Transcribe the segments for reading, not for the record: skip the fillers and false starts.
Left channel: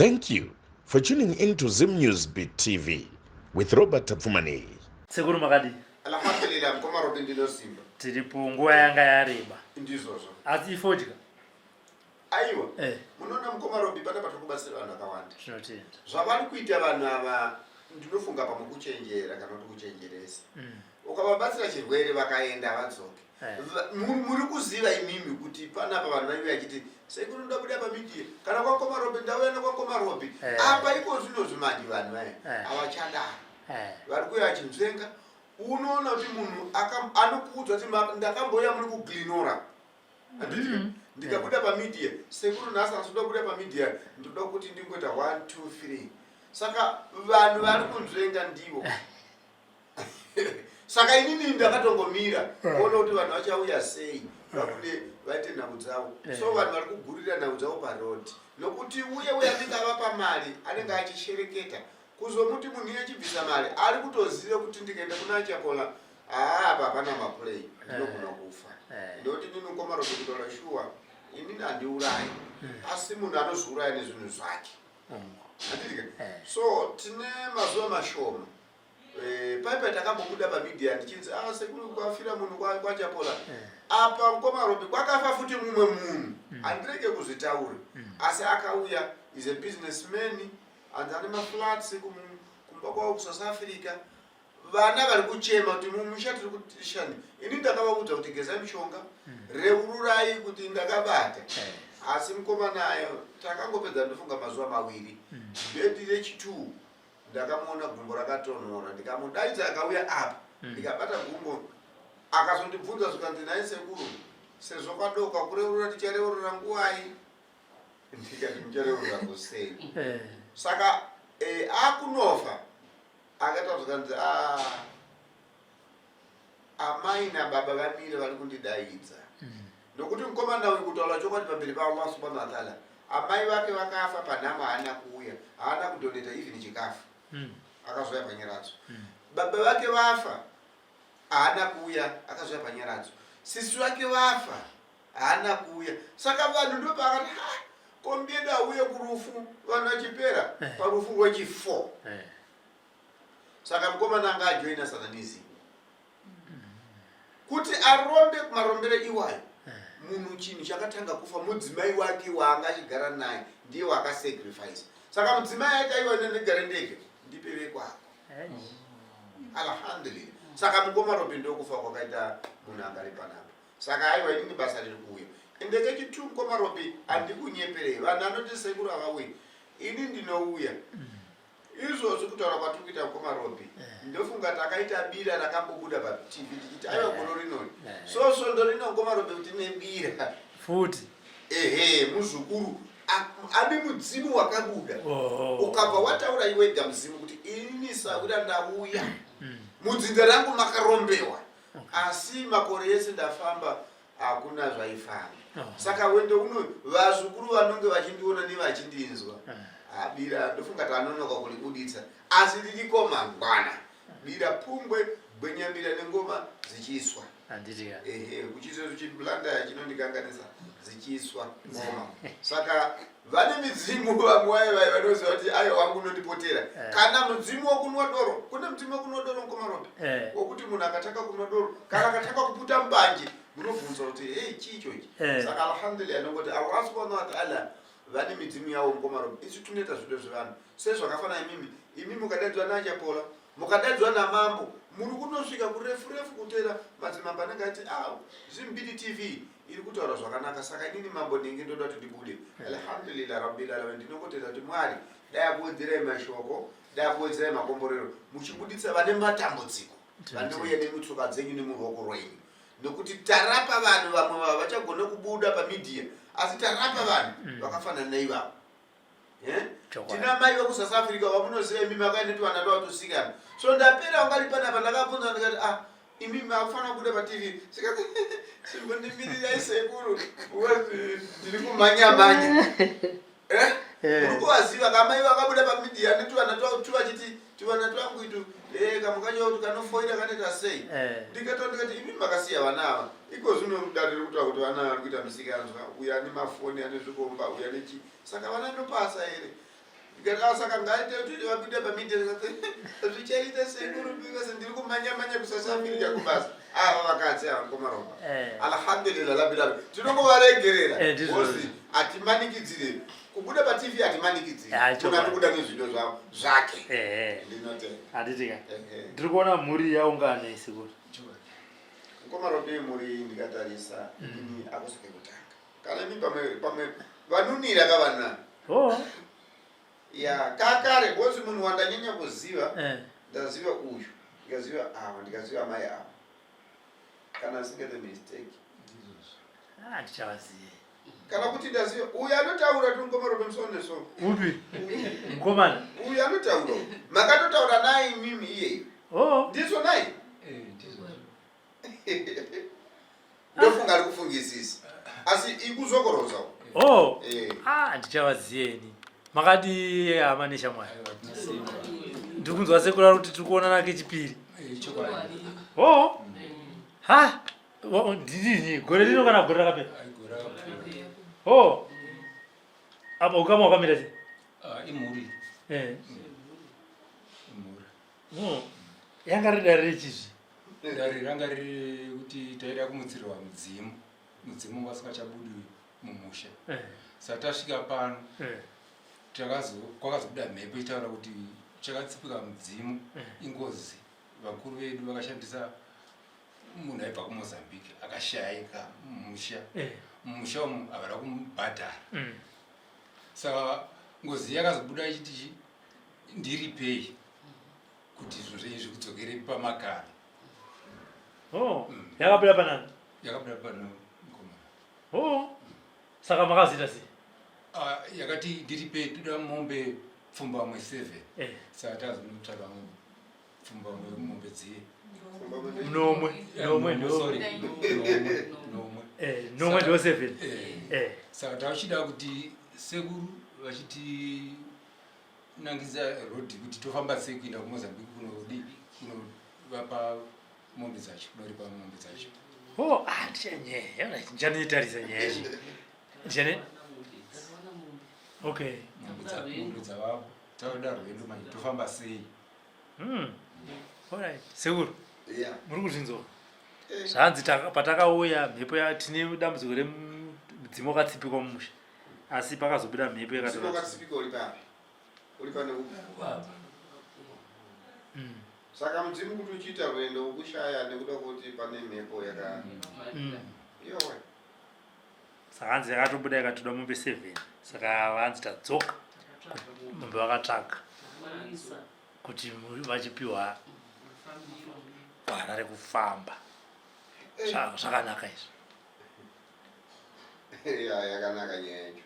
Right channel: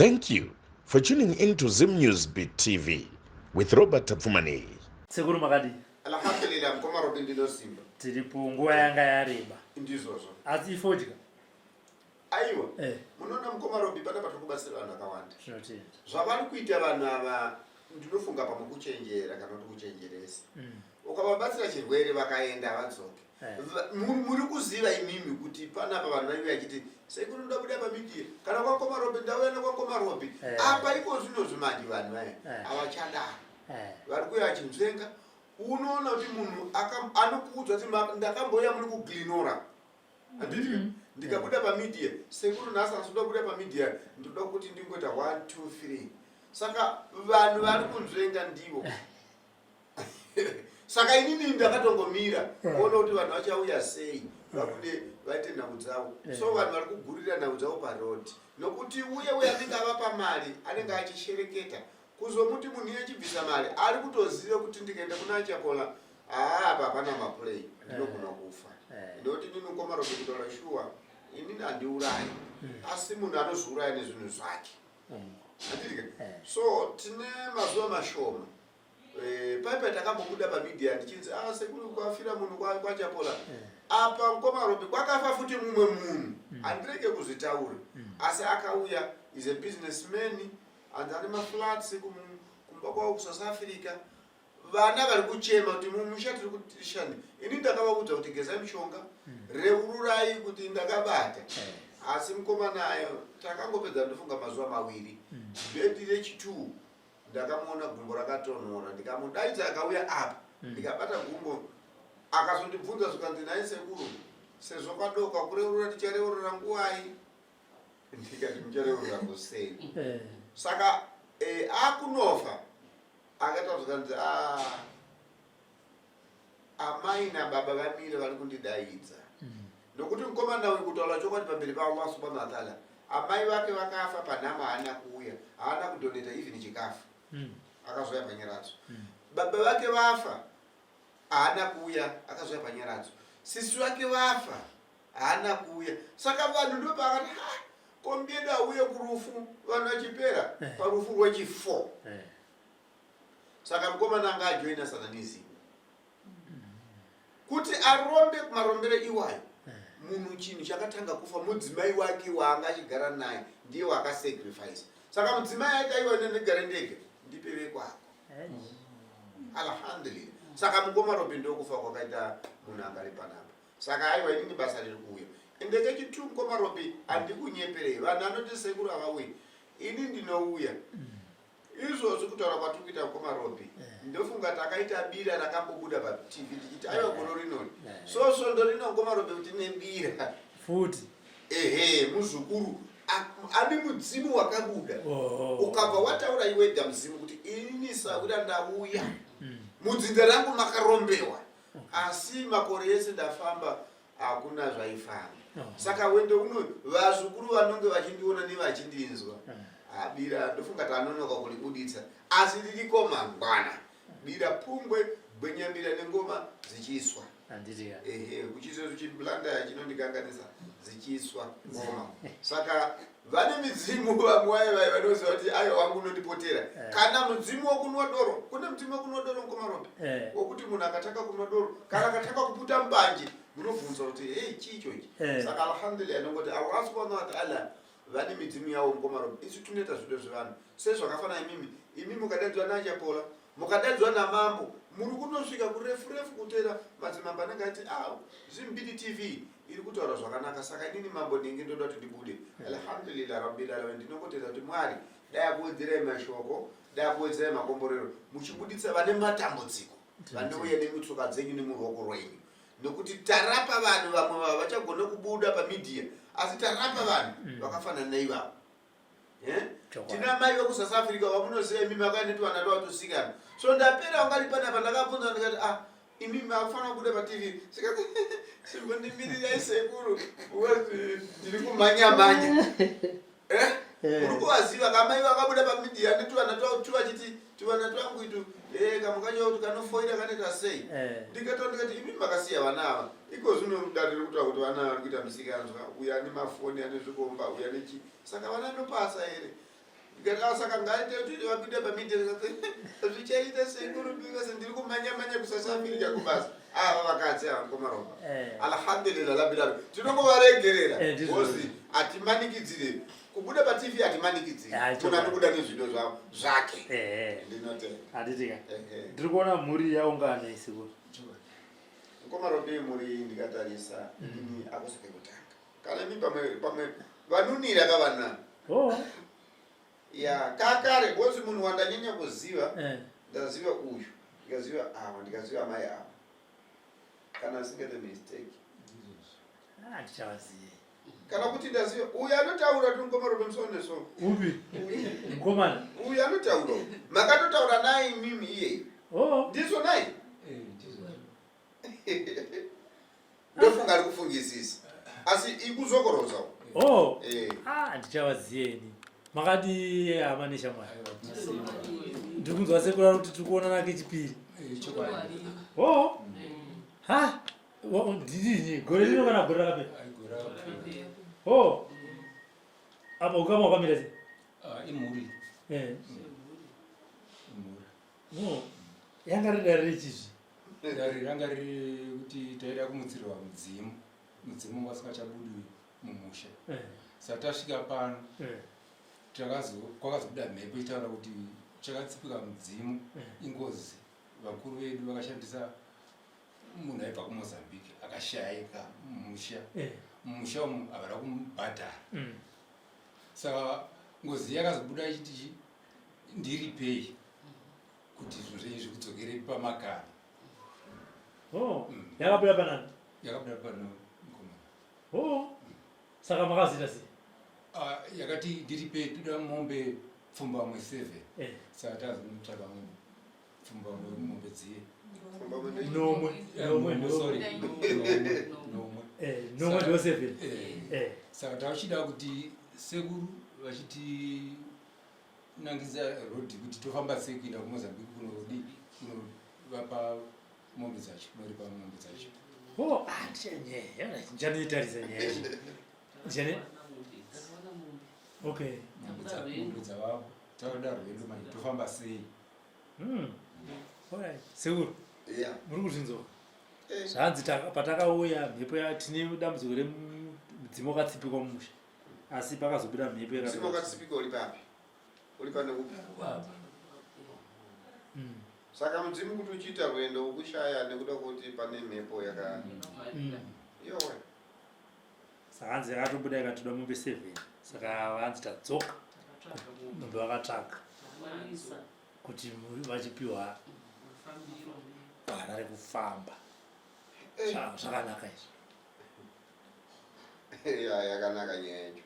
Thank you for tuning in to Zim News Beat TV with Robert Tapfumani. Seguru makadi. Alhamdulillah mkoma Robin ndilo simba. Tilipungua yanga ya riba. Ndizozo. Ati ifojika. Aiwa. Munona mkoma Robin pata patukubasira vanhu akawanda. Zvinotenda. Zvavari kuita vanhu ava ndinofunga pamukuchenjera kana kuti kuchenjeresa. Ukababatsira chirwere vakaenda vadzoke. Muri kuziva imimi kuti panapa vanhu vaiva vachiti sekuru ndoda kuda pamedia kana kwakoma Robin ndawena kwakoma Robin. Apa iko zvino zvimandi vanhu vaya. Avachadaro. Vari kuya vachinzvenga. Unoona kuti munhu anokuudza kuti ndakamboya muri kuglinora. Anditi ndikabuda pamedia sekuru nhasi asoda kuda pamedia ndoda kuti ndingoita 1 2 3. Saka vanhu vari kunzvenga ndivo. Saka inini ndakatongomira kuona kuti vanhu vachauya sei vakude vaite nhau dzavo. So vanhu vari kugurira nhau dzavo parodi nokuti uye anenge avapa mari anenge achishereketa kuzomuti munhu achibvisa mari ari kutoziva kuti ndikaenda kuna Chapola apa hapana maplay ndinogona kufa. Ndoti nini mkoma Robin kutaura shuwa inini handiurayi asi munhu anozouraya nezvinhu zvake. So tine mazuva mashoma paipa takambobuda pamedia ndichinzi sekuru kwafira munhu kwaChapola apa mkoma Robin kwakafa futi mumwe munhu handirege kuzvitaura asi akauya is a businessman and ane maflats kumba kwavo kuSouth Africa. Vana vari kuchema kuti mumusha tiri kutishani ini ndakavaudza kuti gezai mishonga reururai kuti ndakabata asi mukoma nayo takangopedza ndofunga mazuva maviri bhedhi rechi2 ndakamuona gumbo rakatonhora ndikamudaidza akauya apa ndikabata gumbo akazondibvunza zvikanzi nai sekuru sezvo kwadoka kureurura tichareurura nguwai ndikati muchareurura kusei. Saka akunofa akataura zvikanzi amai nababa vamire vari kundidaidza nokuti mukomana uyu kutaura chokwadi pamberi paAllah subhanahu wa ta'ala amai vake vakafa panhama haana kuuya haana kudoneta even chikafu akazoya panyaradzo. Baba vake vafa haana kuuya akazoya panyaradzo. Sisi vake vafa haana kuuya. Saka vanhu ndo pakati kombienda auye kurufu vanhu vachipera parufu rwechi4. Saka mukomana anga ajoina satanism kuti arombe marombere iwayo munhu chinhu chakatanga kufa mudzimai wake waanga achigara naye ndiye wakasacrifice. Saka mudzimai aiti aiwa ndigare ndege ndipeve kwako. Alhamdulillah. Saka mukoma Robin ndokufa kwakaita munhu angari panapa. Saka aiwa inini basa riri kuuya ende kechitu mukoma Robin handikunyeperei vanhu anoti sekuru avauyi ini ndinouya izvozvo kutaura kwatiri kuita mukoma Robin ndofunga takaita bira rakambobuda paTV tichiti aiwa gono rinoni so svondo rino mukoma Robin kuti nebira futi muzukuru ane mudzimu wakabuda ukabva wataura iwega muzimu kuti ini sakuda ndauya mudzinza rangu makarombewa asi makore ese ndafamba hakuna zvaifamba. Saka wendo uno vazukuru vanonge vachindiona nevachindinzwa bira ndofunga tanonoka kulibuditsa asi ririko mangwana bira pungwe gwenyambira nengoma zichiswa kuchizo chiblanda chinondikanganisa zichiswa ngoma. Saka vane midzimu vamwe vai vanoziva kuti ayo wangu nondipotera kana mudzimu wokunwa doro kune mudzimu wokunwa doro mukoma Robin wokuti munhu akataka kunwa doro kana akataka kuputa mbanje munobvunza kuti chicho ichi. Saka alhamdulillah nongoti Allah subhanahu wa ta'ala vane midzimu yavo mukoma Robin isu tunoita zvido zvevanhu sezvakafanana imimi mukadaidzwa naChapola mukadaidzwa namambo muri kunosvika kurefu kutera madzimambo anenge ati Zimbiti TV iri kutaura zvakanaka. Saka inini mambo ndinge ndoda kuti ndibude. Alhamdulillah rabbil alamin ndinongotenda kuti Mwari dai akuwedzerai mashoko dai akuwedzerai makomborero muchibuditsa vane matambudziko vanouya nemutsoka dzenyu nemuruoko rwenyu nokuti tarapa vanhu vamwe vachagona kubuda pamedia asi tarapa vanhu vakafanana naivavo. Tina mai vekuSouth Africa vamunoziva imimi vakaendeti vana ndovatosikana so ndapera ungari panapa ndakabvunza ndikati imimi akufanira kubuda paTV sikati simbondimirira sekuru ndiri kumhanya uri kuvaziva kamai vakabuda pamedia neti vana twatu vachiti tivana twangu itu kamukacho kuti kanofoira kaneta sei ndikati imimi makasiya vana ava iko zvino mudariro kutaura kuti vana vari kuita musikanzwa uya ane mafoni ane zvikomba uya nechi saka vana ndopasa here Saka ngaite kuti vapinde pamidheri zvichaita sekuru because ndiri kumanya kusasafirika kubasa vakadzi komaropa alhamdulillah labilabi tinongovaregerera ozi hatimanikidzire kubuda patv hatimanikidzire kuna nikuda nezvido zvavo zvake hatitika ndiri kuona mhuri yaungane sekuru komaropa mhuri ndikatarisa ini akusake kutanga kana mi pamwe vanunira kavanani ya kakare bosi munhu wandanyanya kuziva ndaziva uyu ndikaziva ava ndikaziva mai ava kana singete mistake ndichavaziye kana kuti ndaziva uyu anotaura tongomaropa musoro nesoro upi mukomana uyu anotaura makatotaura naye mimi iyeyo ndizo naye ndofunga ari kufungisisa asi ikuzokorozawo ndichavaziyeni makati amanesha mwana ndikunzwa sekura kuti tiri kuonana kechipiri ndidini gore rino kana gore rakapera apa ukama wakamira sei imhuri yanga ridari rechizvi dari ranga riri kuti taida kumutsirirwa mudzimu vasingachabudi mumusha saka tasvika pano kwakazobuda mhepo itaura kuti chakatsipika mudzimu ingozi vakuru vedu vakashandisa munhu aibva kumozambique akashayika mumusha umu havada kumubhadhara saka ngozi yakazobuda ichiti ndiripei kuti zviro izvi kudzokere pamakara yakabuda panani yakabuda pano saka makazita sei yakati ndiripe toda mombe pfumbamwe 7 saka tazonotsvaka pfumbamwe mombe dziye nomwe ndo 7 saka tavachida kuti sekuru vachiti nangisa rodhi kuti tofamba sei kuenda kumozambique kunovapa mombe dzacho kunoripa mombe dzacho ndichanoitarisa nyaya ndichane okay mombe dzavavo tauda rwedu manje tofamba sei alright sekuru muri kuzvinzwa zvanzi patakauya mhepo tine dambudziko remudzimu wakatsipika mumusha asi pakazobuda mhepo yakatikatsipika uri papi uri pane upi saka mudzimu kuti uchiita rwendo ukushaya nekuda kuti pane mhepo yaka yowe saka hanzi yakatobuda ikatoda mombe 7 saka vanzi tadzoka mombe vakatsvaga kuti vachipiwa gwara rekufamba zvakanaka izvo yakanaka nyaya yacho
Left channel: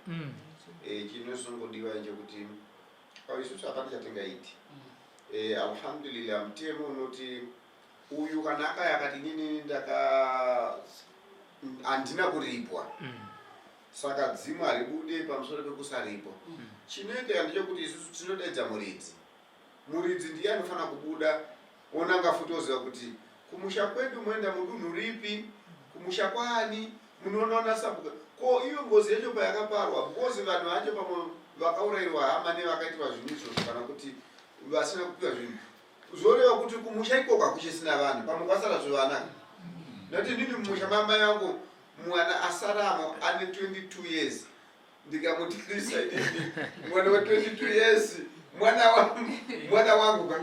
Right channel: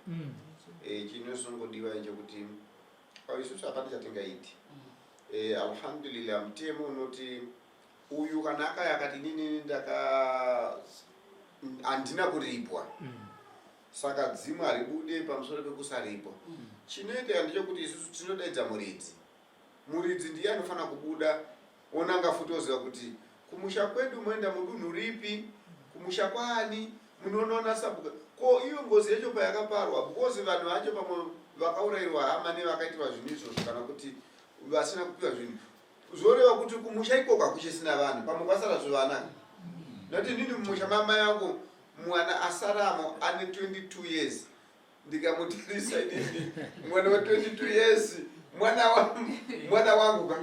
chinosongodiwa chekuti isusu hapana chatingaiti alhamdulillah mutemo unoti uyu kana akayakati nini handina kuripwa saka dzimu haribude pamusoro pekusaripwa chinoita ndechekuti isusu tinodaidza muridzi ndiye anofanira kubuda onanga futoziva kuti kumusha kwedu moenda mudunhu ripi kumusha kwani munoona sabuka ko iyo ngozi yacho payakaparwa because vanhu vacho pamwe vakaurayirwa hama nevakaitirwa zvinhu izvozvo kana kuti vasina kupiwa zvinhu zoreva kuti kumusha ikoka kuchisina vanhu pamwe kwasara zvivanaka noti ndini mumusha mama yangu mwana asaramo ane 22 years ndikamutirisa inini mwana wa 22 years mwana wangu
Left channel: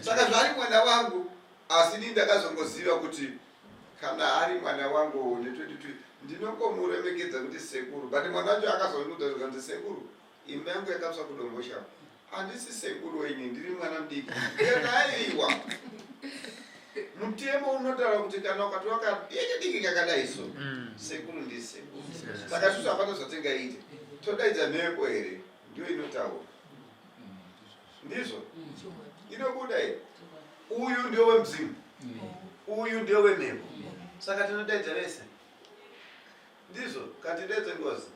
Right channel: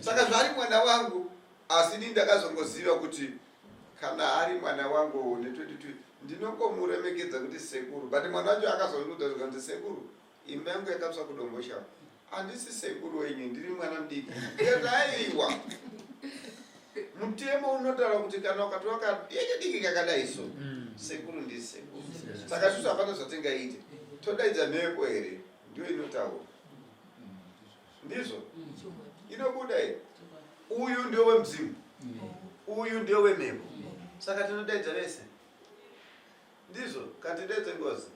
saka zvari mwana wangu asi ndini ndakazongoziva kuti kana ari mwana wangu ne22 ndinongomuremekedza kuti sekuru but mwana wacho akazonudza kuti sekuru imba yangu yakapsa kudombosha handisi sekuru wenyu ndiri mwana mudiki aiwa mutemo unotaura kuti kana ukatoka yechidiki kakadaiso sekuru ndisi sekuru saka isusu hapana zvatingaite todaidza mhepo here ndiyo inotaura ndizvo inobuda here uyu ndio wemzimu uyu ndio wemhepo saka tinodaidza vese ndizvo katidaidze ngozi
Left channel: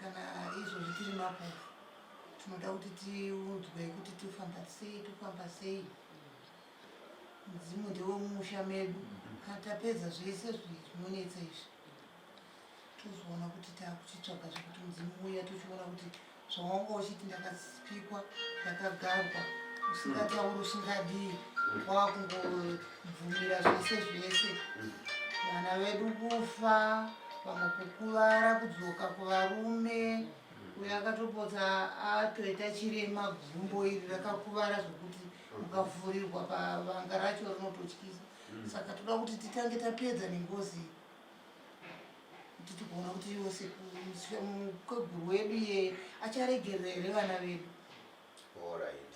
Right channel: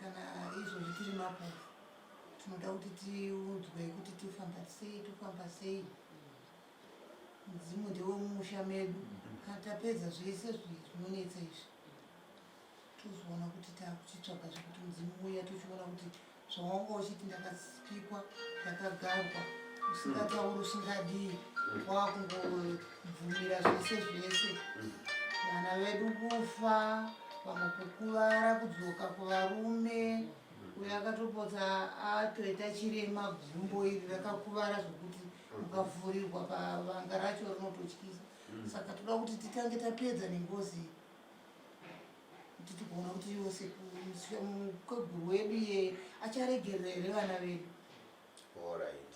kana izvozvi tiri mapofu tinoda kuti tiudzwe kuti tofamba sei mudzimu ndewemusha medu kana tapedza zvese zvinonetsa izvi tozoona kuti takuchitsvaga zvekuti mudzimu uya tochiona kuti zvawanga uchiti ndakapikwa ndakagarwa usingatauri usingadii wakungobvumira zvese vana vedu kufa vamwe kukuvara kudzoka kuvarume uyo akatopota atoita chirema gumbo iri rakakuvara zvokuti mukavhurirwa pavanga racho rinototyisa saka toda kuti titange tapedza nengozi kuti tigoona kuti yose mukweguru wedu iye acharegerera here vana vedu. Alright.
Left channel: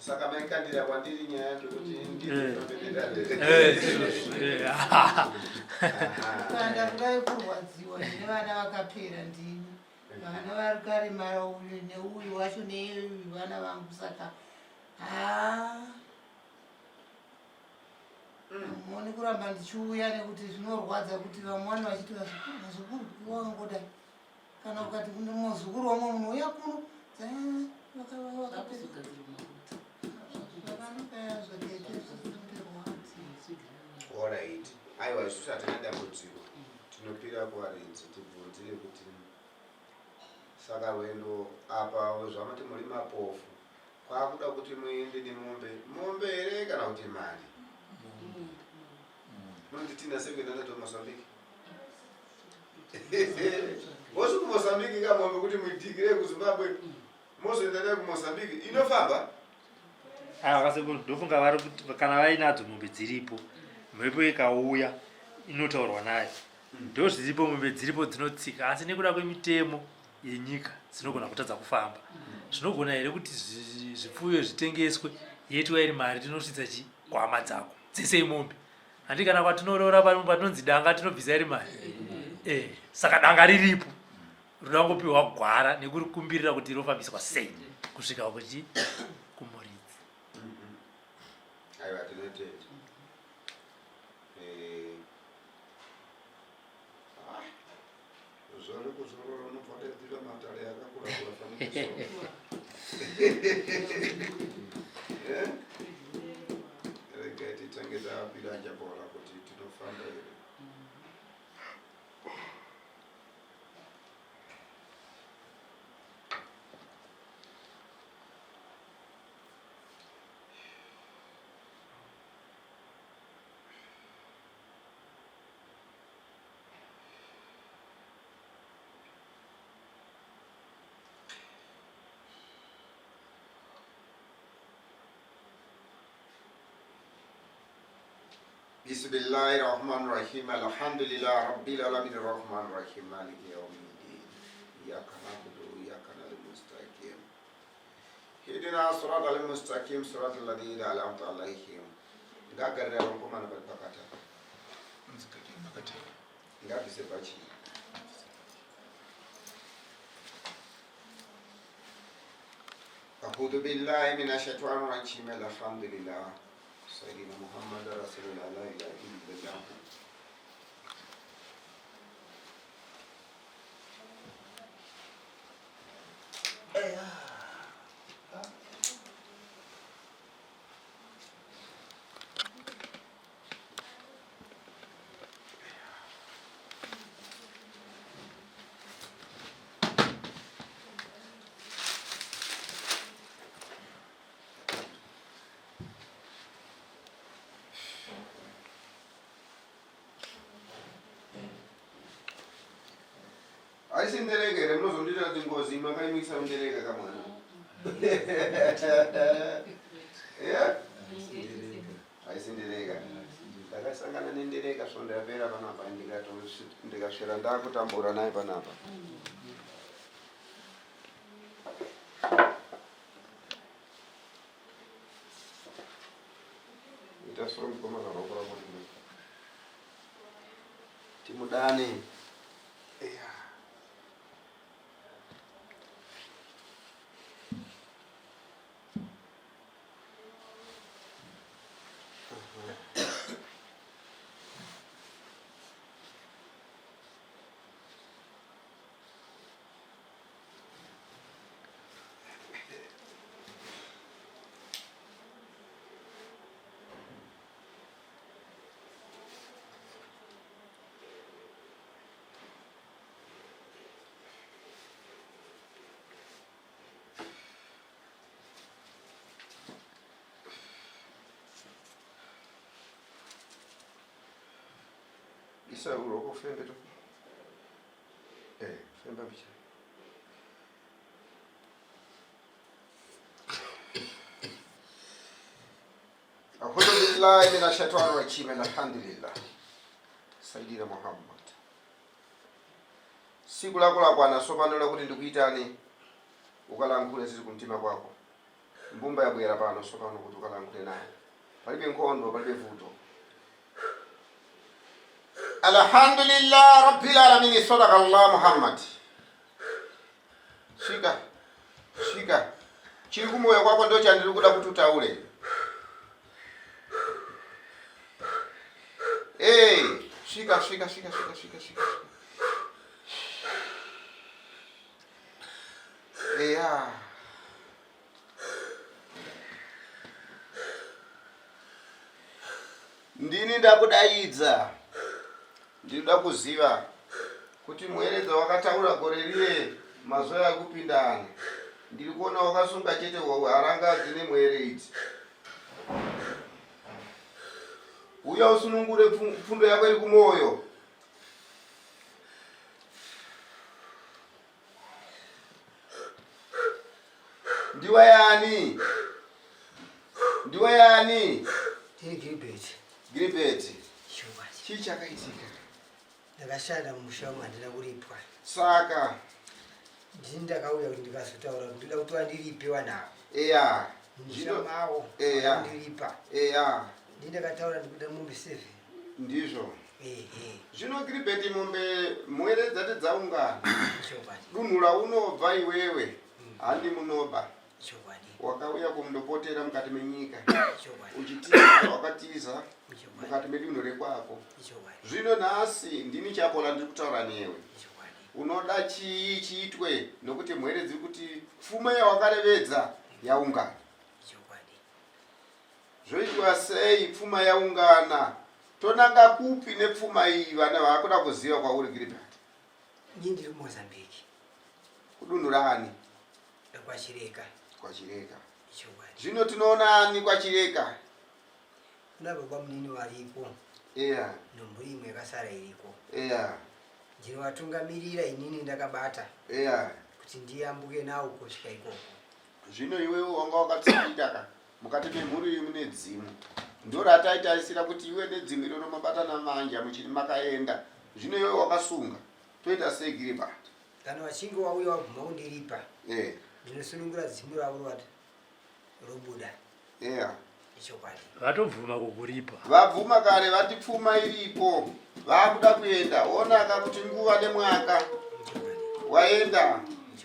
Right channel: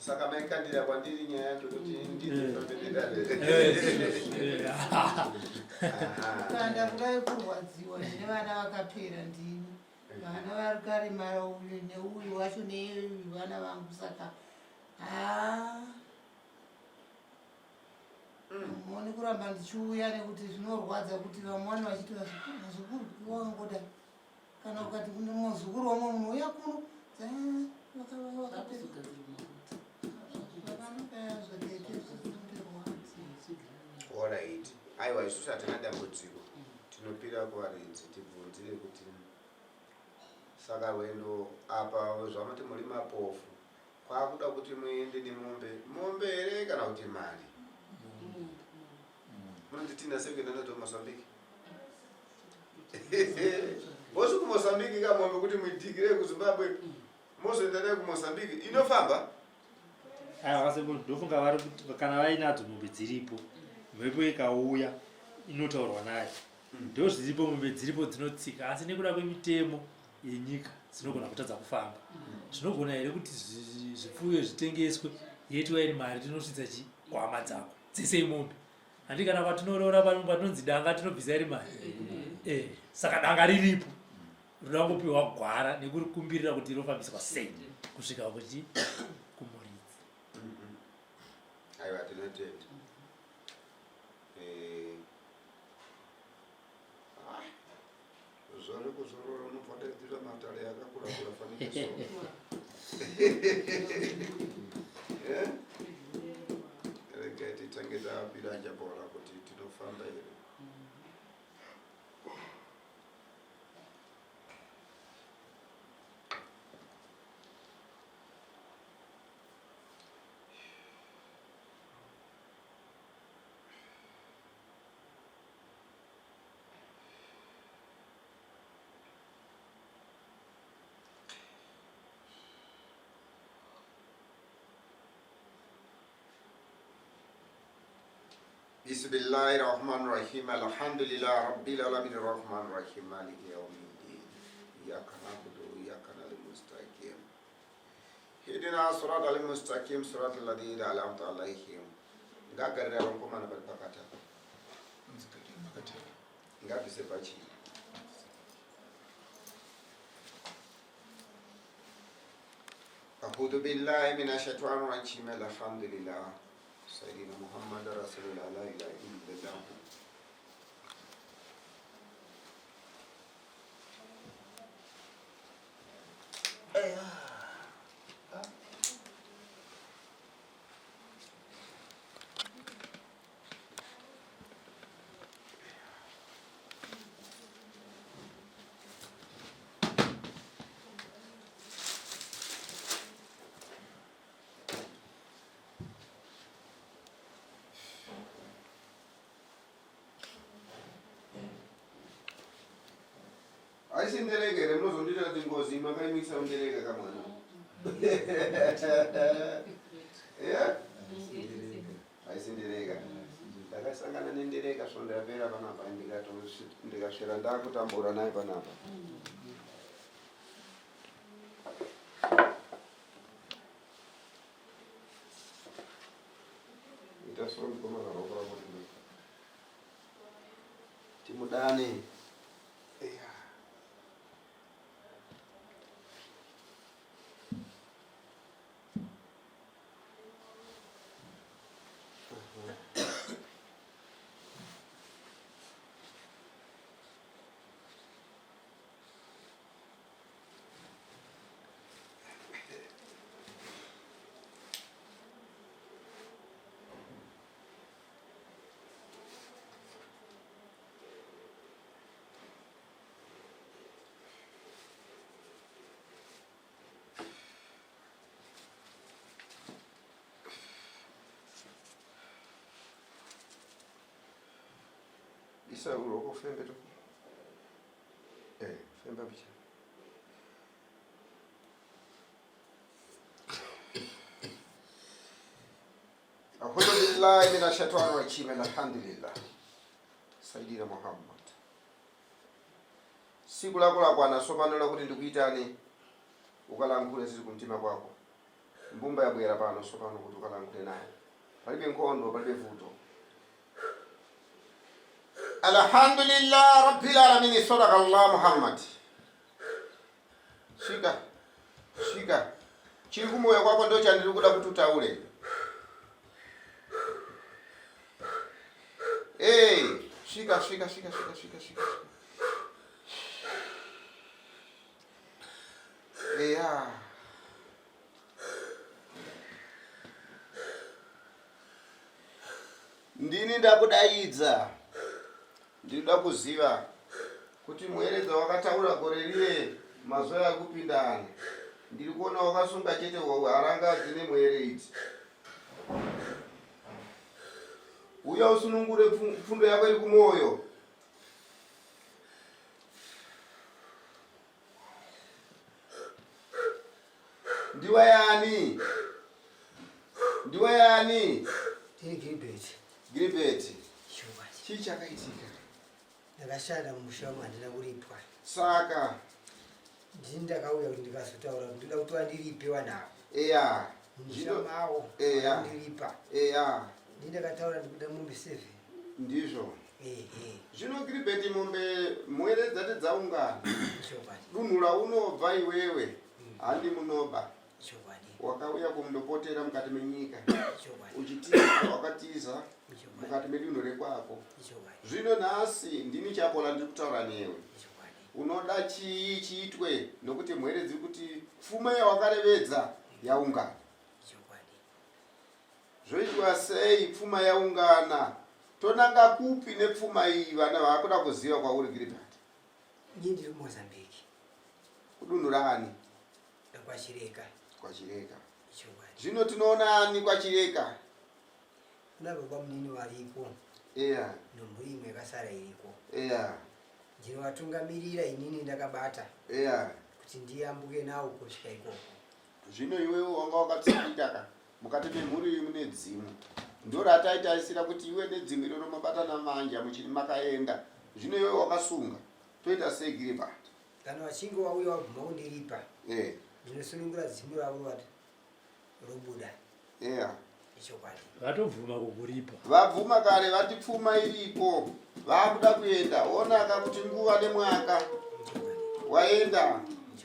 Saka maikandira kwandiri nyaya yacho kuti kanda kudai kurwadziwa ndine vana vakapera ndini vana vari karemara uyu neuyu wacho neuyu vana vangu saka mone kuramba ndichiuya nekuti zvinorwadza kuti vamwe vanhu vachiti vazukuru wakangoda kana ukati muzukuru wamwe munhu uya kuno Alright. Aiwa isusu hatina dambudziko tinopira kuvaridzi tibvunzire kuti saka rwendo apa zvamati muri mapofu kwakuda kuti muende nemombe here kana kuti mari munonditinda sekuenda ndato Mozambique vosi kuMozambique kamombe kuti muidhigire kuZimbabwe mozoenda kuMozambique inofamba akasekuru ndofunga vari kuti kana vainadzo mombe dziripo mhepo ikauya inotaurwa nayo ndo zviripo mombe dziripo dzinotsika asi nekuda kwemitemo yenyika dzinogona kutadza kufamba zvinogona here kuti zvipfuyo zvitengeswe yeitwa iri mari tinosvitsa chikwama dzako dzese mombe handi kana kwatinorora patinonzi danga tinobvisa iri mari saka danga riripo roda ngopiwa gwara nekurikumbirira kuti rinofambiswa sei kusvika kuchi kumuridzi. Aiwa tinotenda zvori kuzorora unobvada kuita matare akakura kurafanikiswa rega titange tapira njabora kuti tinofamba here. Bismillahirrahmanirrahim. Alhamdulillah rabbil alamin arrahmanirrahim maliki yawmiddin. Iyyaka na'budu wa iyyaka nasta'in. Ihdina siratal mustaqim siratal ladzina an'amta 'alaihim. Ngagarira rompomana pali pakata. Ngabvise pachi. A'udhu billahi minash shaitanir rajim. Alhamdulillah. Sayyidina Muhammad Rasulullah la ilaha illallah. Aisindereka here munozondita kuti ngozi makaimisa undereka kamwana. Aisindereka. Ndakasangana nendereka sondapera panapa ndikasvera ndakutambura naye panapa. Ita soro mukoma zarokora kuti timudane. isa uroko fembe to femba picha a'udhu billahi minash shaitani rajim alhamdulillah sayyidina Muhammad siku lako la kwana sopanola kuti ndikuitani ukalankhule sisi kumtima kwako mbumba yabwera pano sopano kuti ukalankhule naye palibe nkhondo palibe vuto alhamdulillah rabbil alamin sadaqa Allah Muhammad shika chiri kumoyo kwako ndio chandiri kuda kuti utaule shika ndini ndakudaidza ndinoda kuziva kuti mueredza wakataura gore rire mazuva akupindana ndiri kuona wakasunga chete harangadzi nemueredzi uya usunungure fundo yako iri kumoyo ndiwa yani Gilbert chii chakaitika ndakashanda mumusha wangu handina kuripwa saka ndini ndakauya kuti ndikazotaura kuti ndoda kuti wandiripewa nawo musha mawo ndiripa ndini ndakataura ndikuda mombe 7 ndizvo zvino Gilbert mombe mwere dzati dzaungana dunhu raunobva iwewe handi munoba wakauya kumndopotera mukati menyika uchitiza wakatiza mukati medunhu rekwako zvino nhasi ndini chapola ndiri kutaura newe unoda chii chiitwe nokuti mwere dziri kuti pfuma yawakarevedza yaungana zvoitwa sei pfuma yaungana tonanga kupi nepfuma iyi vana vakuda kuziva kwauri Gilbert ini ndiri Mozambique kudunhu rani kwachireka zvino tinoona ani kwachireka kuna baba munini variko nomhuri imwe yakasara iriko ndinovatungamirira inini ndakabata kuti ndiyambuke nawo kusvika ikoko zvino iwewe wanga wakatsikitaka mukati memhuri mune dzimu ndorataitaisira kuti iwe nedzimu irono mabatana manja muchini makaenda zvino iwewe wakasunga toita sei Gilbert kana vachinge wauya wabvuma kundiripa ndinosunungura dzimu ravo vati robuda ichokwadi vatobvuma kukuripa vabvuma kare vati pfuma iripo vakuda kuenda onaka kuti nguva nemwaka waenda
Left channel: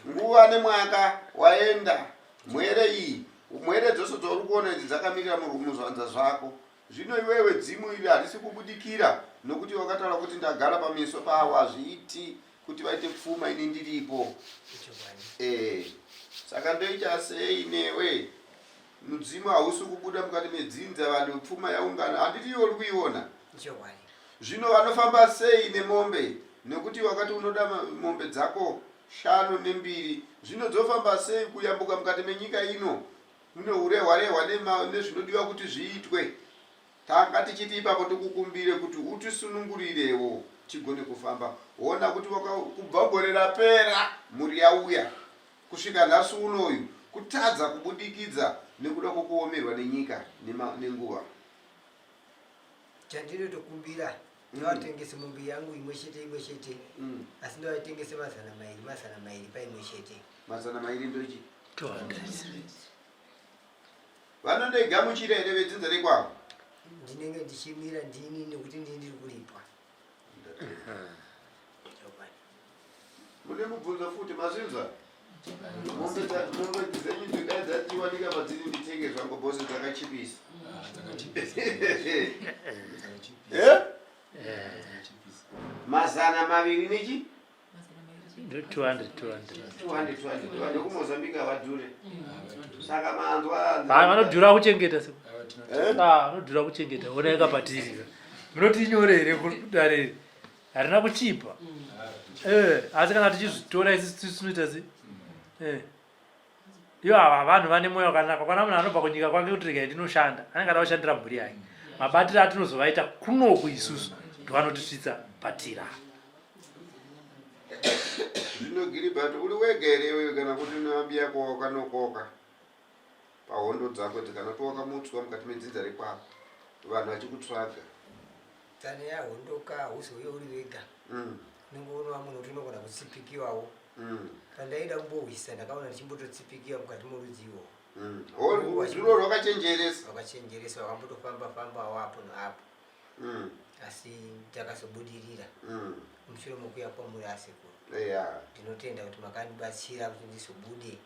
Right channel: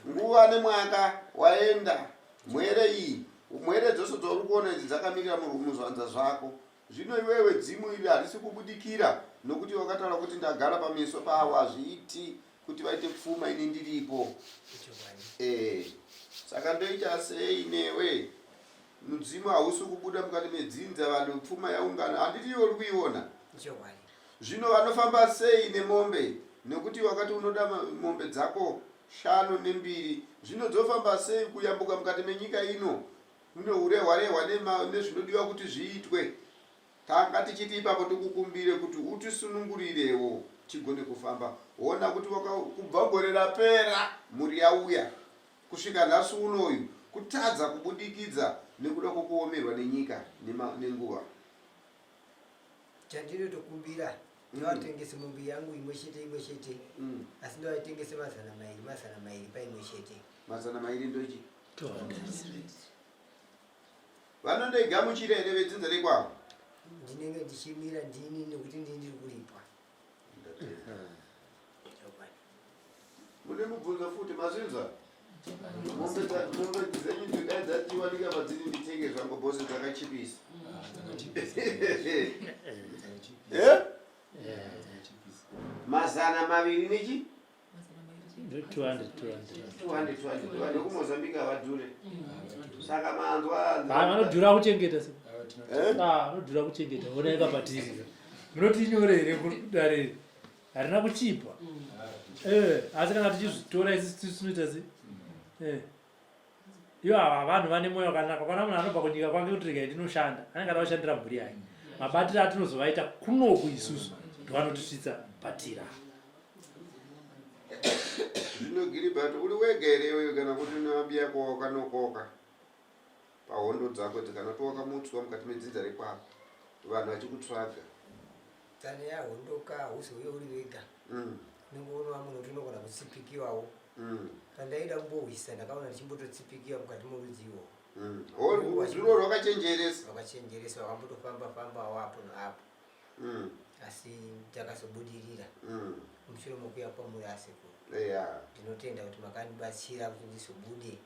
nguva nemwaka waenda mwere iyi mwere dzose dzauri kuona idzi dzakamirira muzvanza zvako zvino iwewe dzimu iri harisi kubudikira nokuti wakataura kuti ndagara pameso pavo hazviiti kuti vaite pfuma ini ndiripo saka ndoita sei newe mudzimu hausi kubuda mukati medzinza vanhu pfuma yaungana handiti uri kuiona zvino vanofamba sei nemombe nekuti wakati unoda mombe dzako 5 ne2 zvino dzofamba sei kuyambuka mukati menyika ino mune urehwarehwa nezvinodiwa kuti zviitwe tanga tichiti ipapo tikukumbire kuti utisunungurirewo tigone kufamba ona kuti kubva gore rapera muri yauya kusvika nhasi unoyu kutadza kubudikidza nekuda kwokuomerwa nenyika nenguva chandinotokumbira ndivatengese mombe yangu imwe chete asi ndivatengese mazana mairi paimwe chete mazana mairi ndochi vanondoigamuchira here vedzinza rekwavo ndinenge ndichimira ndini nekuti ndini ndiri kuripwa mune mubvunzo futi mazinza mombe dzenyu dzidai dzatiwanika madziri nditenge zvangu bhose dzakachipisa mazana maviri nechi 200 kumozambika havadhure saka manzwa vanodhura kuchengeta vanodhura kuchengeta ona yakapatirira munoti inyore here kudareri harina kuchipa asi kana tichizvitora isi tinoita sei ivo ava vanhu vane mwoyo wakanaka kwana munhu anobva kunyika kwake kuti regai ndinoshanda anenge ada kushandira mhuri yake mabatiro atinozovaita kunoku isusu ndovanotisvitsa patira. Gilbert uri wegerewe kana kuti unambia koka nokoka pahondo dzako kana toka mutswa mukati medzinza rekwako vanhu vachikutsvaga tsane yahondoka uzoye uri wega ningoona munhu kuti unogona kutsipikiwawo pandaida kumbohwisa ndakaona ndichimbototsipikiwa mukati morudziwo zviro rwakachenjeresa wakambotofamba-fambawo apo neapo asi takazobudirira mushure mokuya kwamuri asekuru ndinotenda kuti makandibatsira kuti ndizobude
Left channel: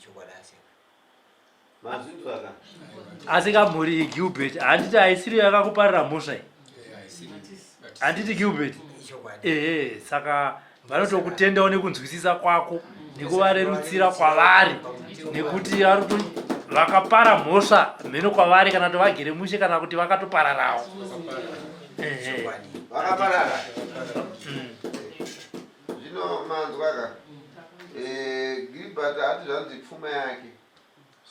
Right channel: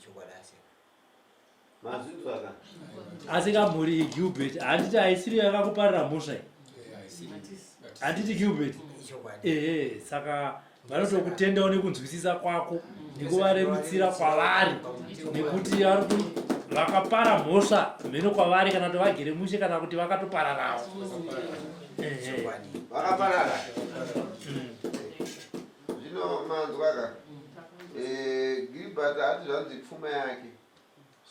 chokwadi asekuru mazvinzwaka Asingamhuri Gilbert handiti haisiri yakakuparira mhosva iyi. Handiti Gilbert. Saka vanotokutendawo nekunzwisisa kwako nekuvarerutsira kwavari nekuti vakapara mhosva mheno kwavari kana kuti vagere mushe kana kuti vakatopararawo. vakaparara zvino manzwaka Gilbert hati zvanzi pfuma yake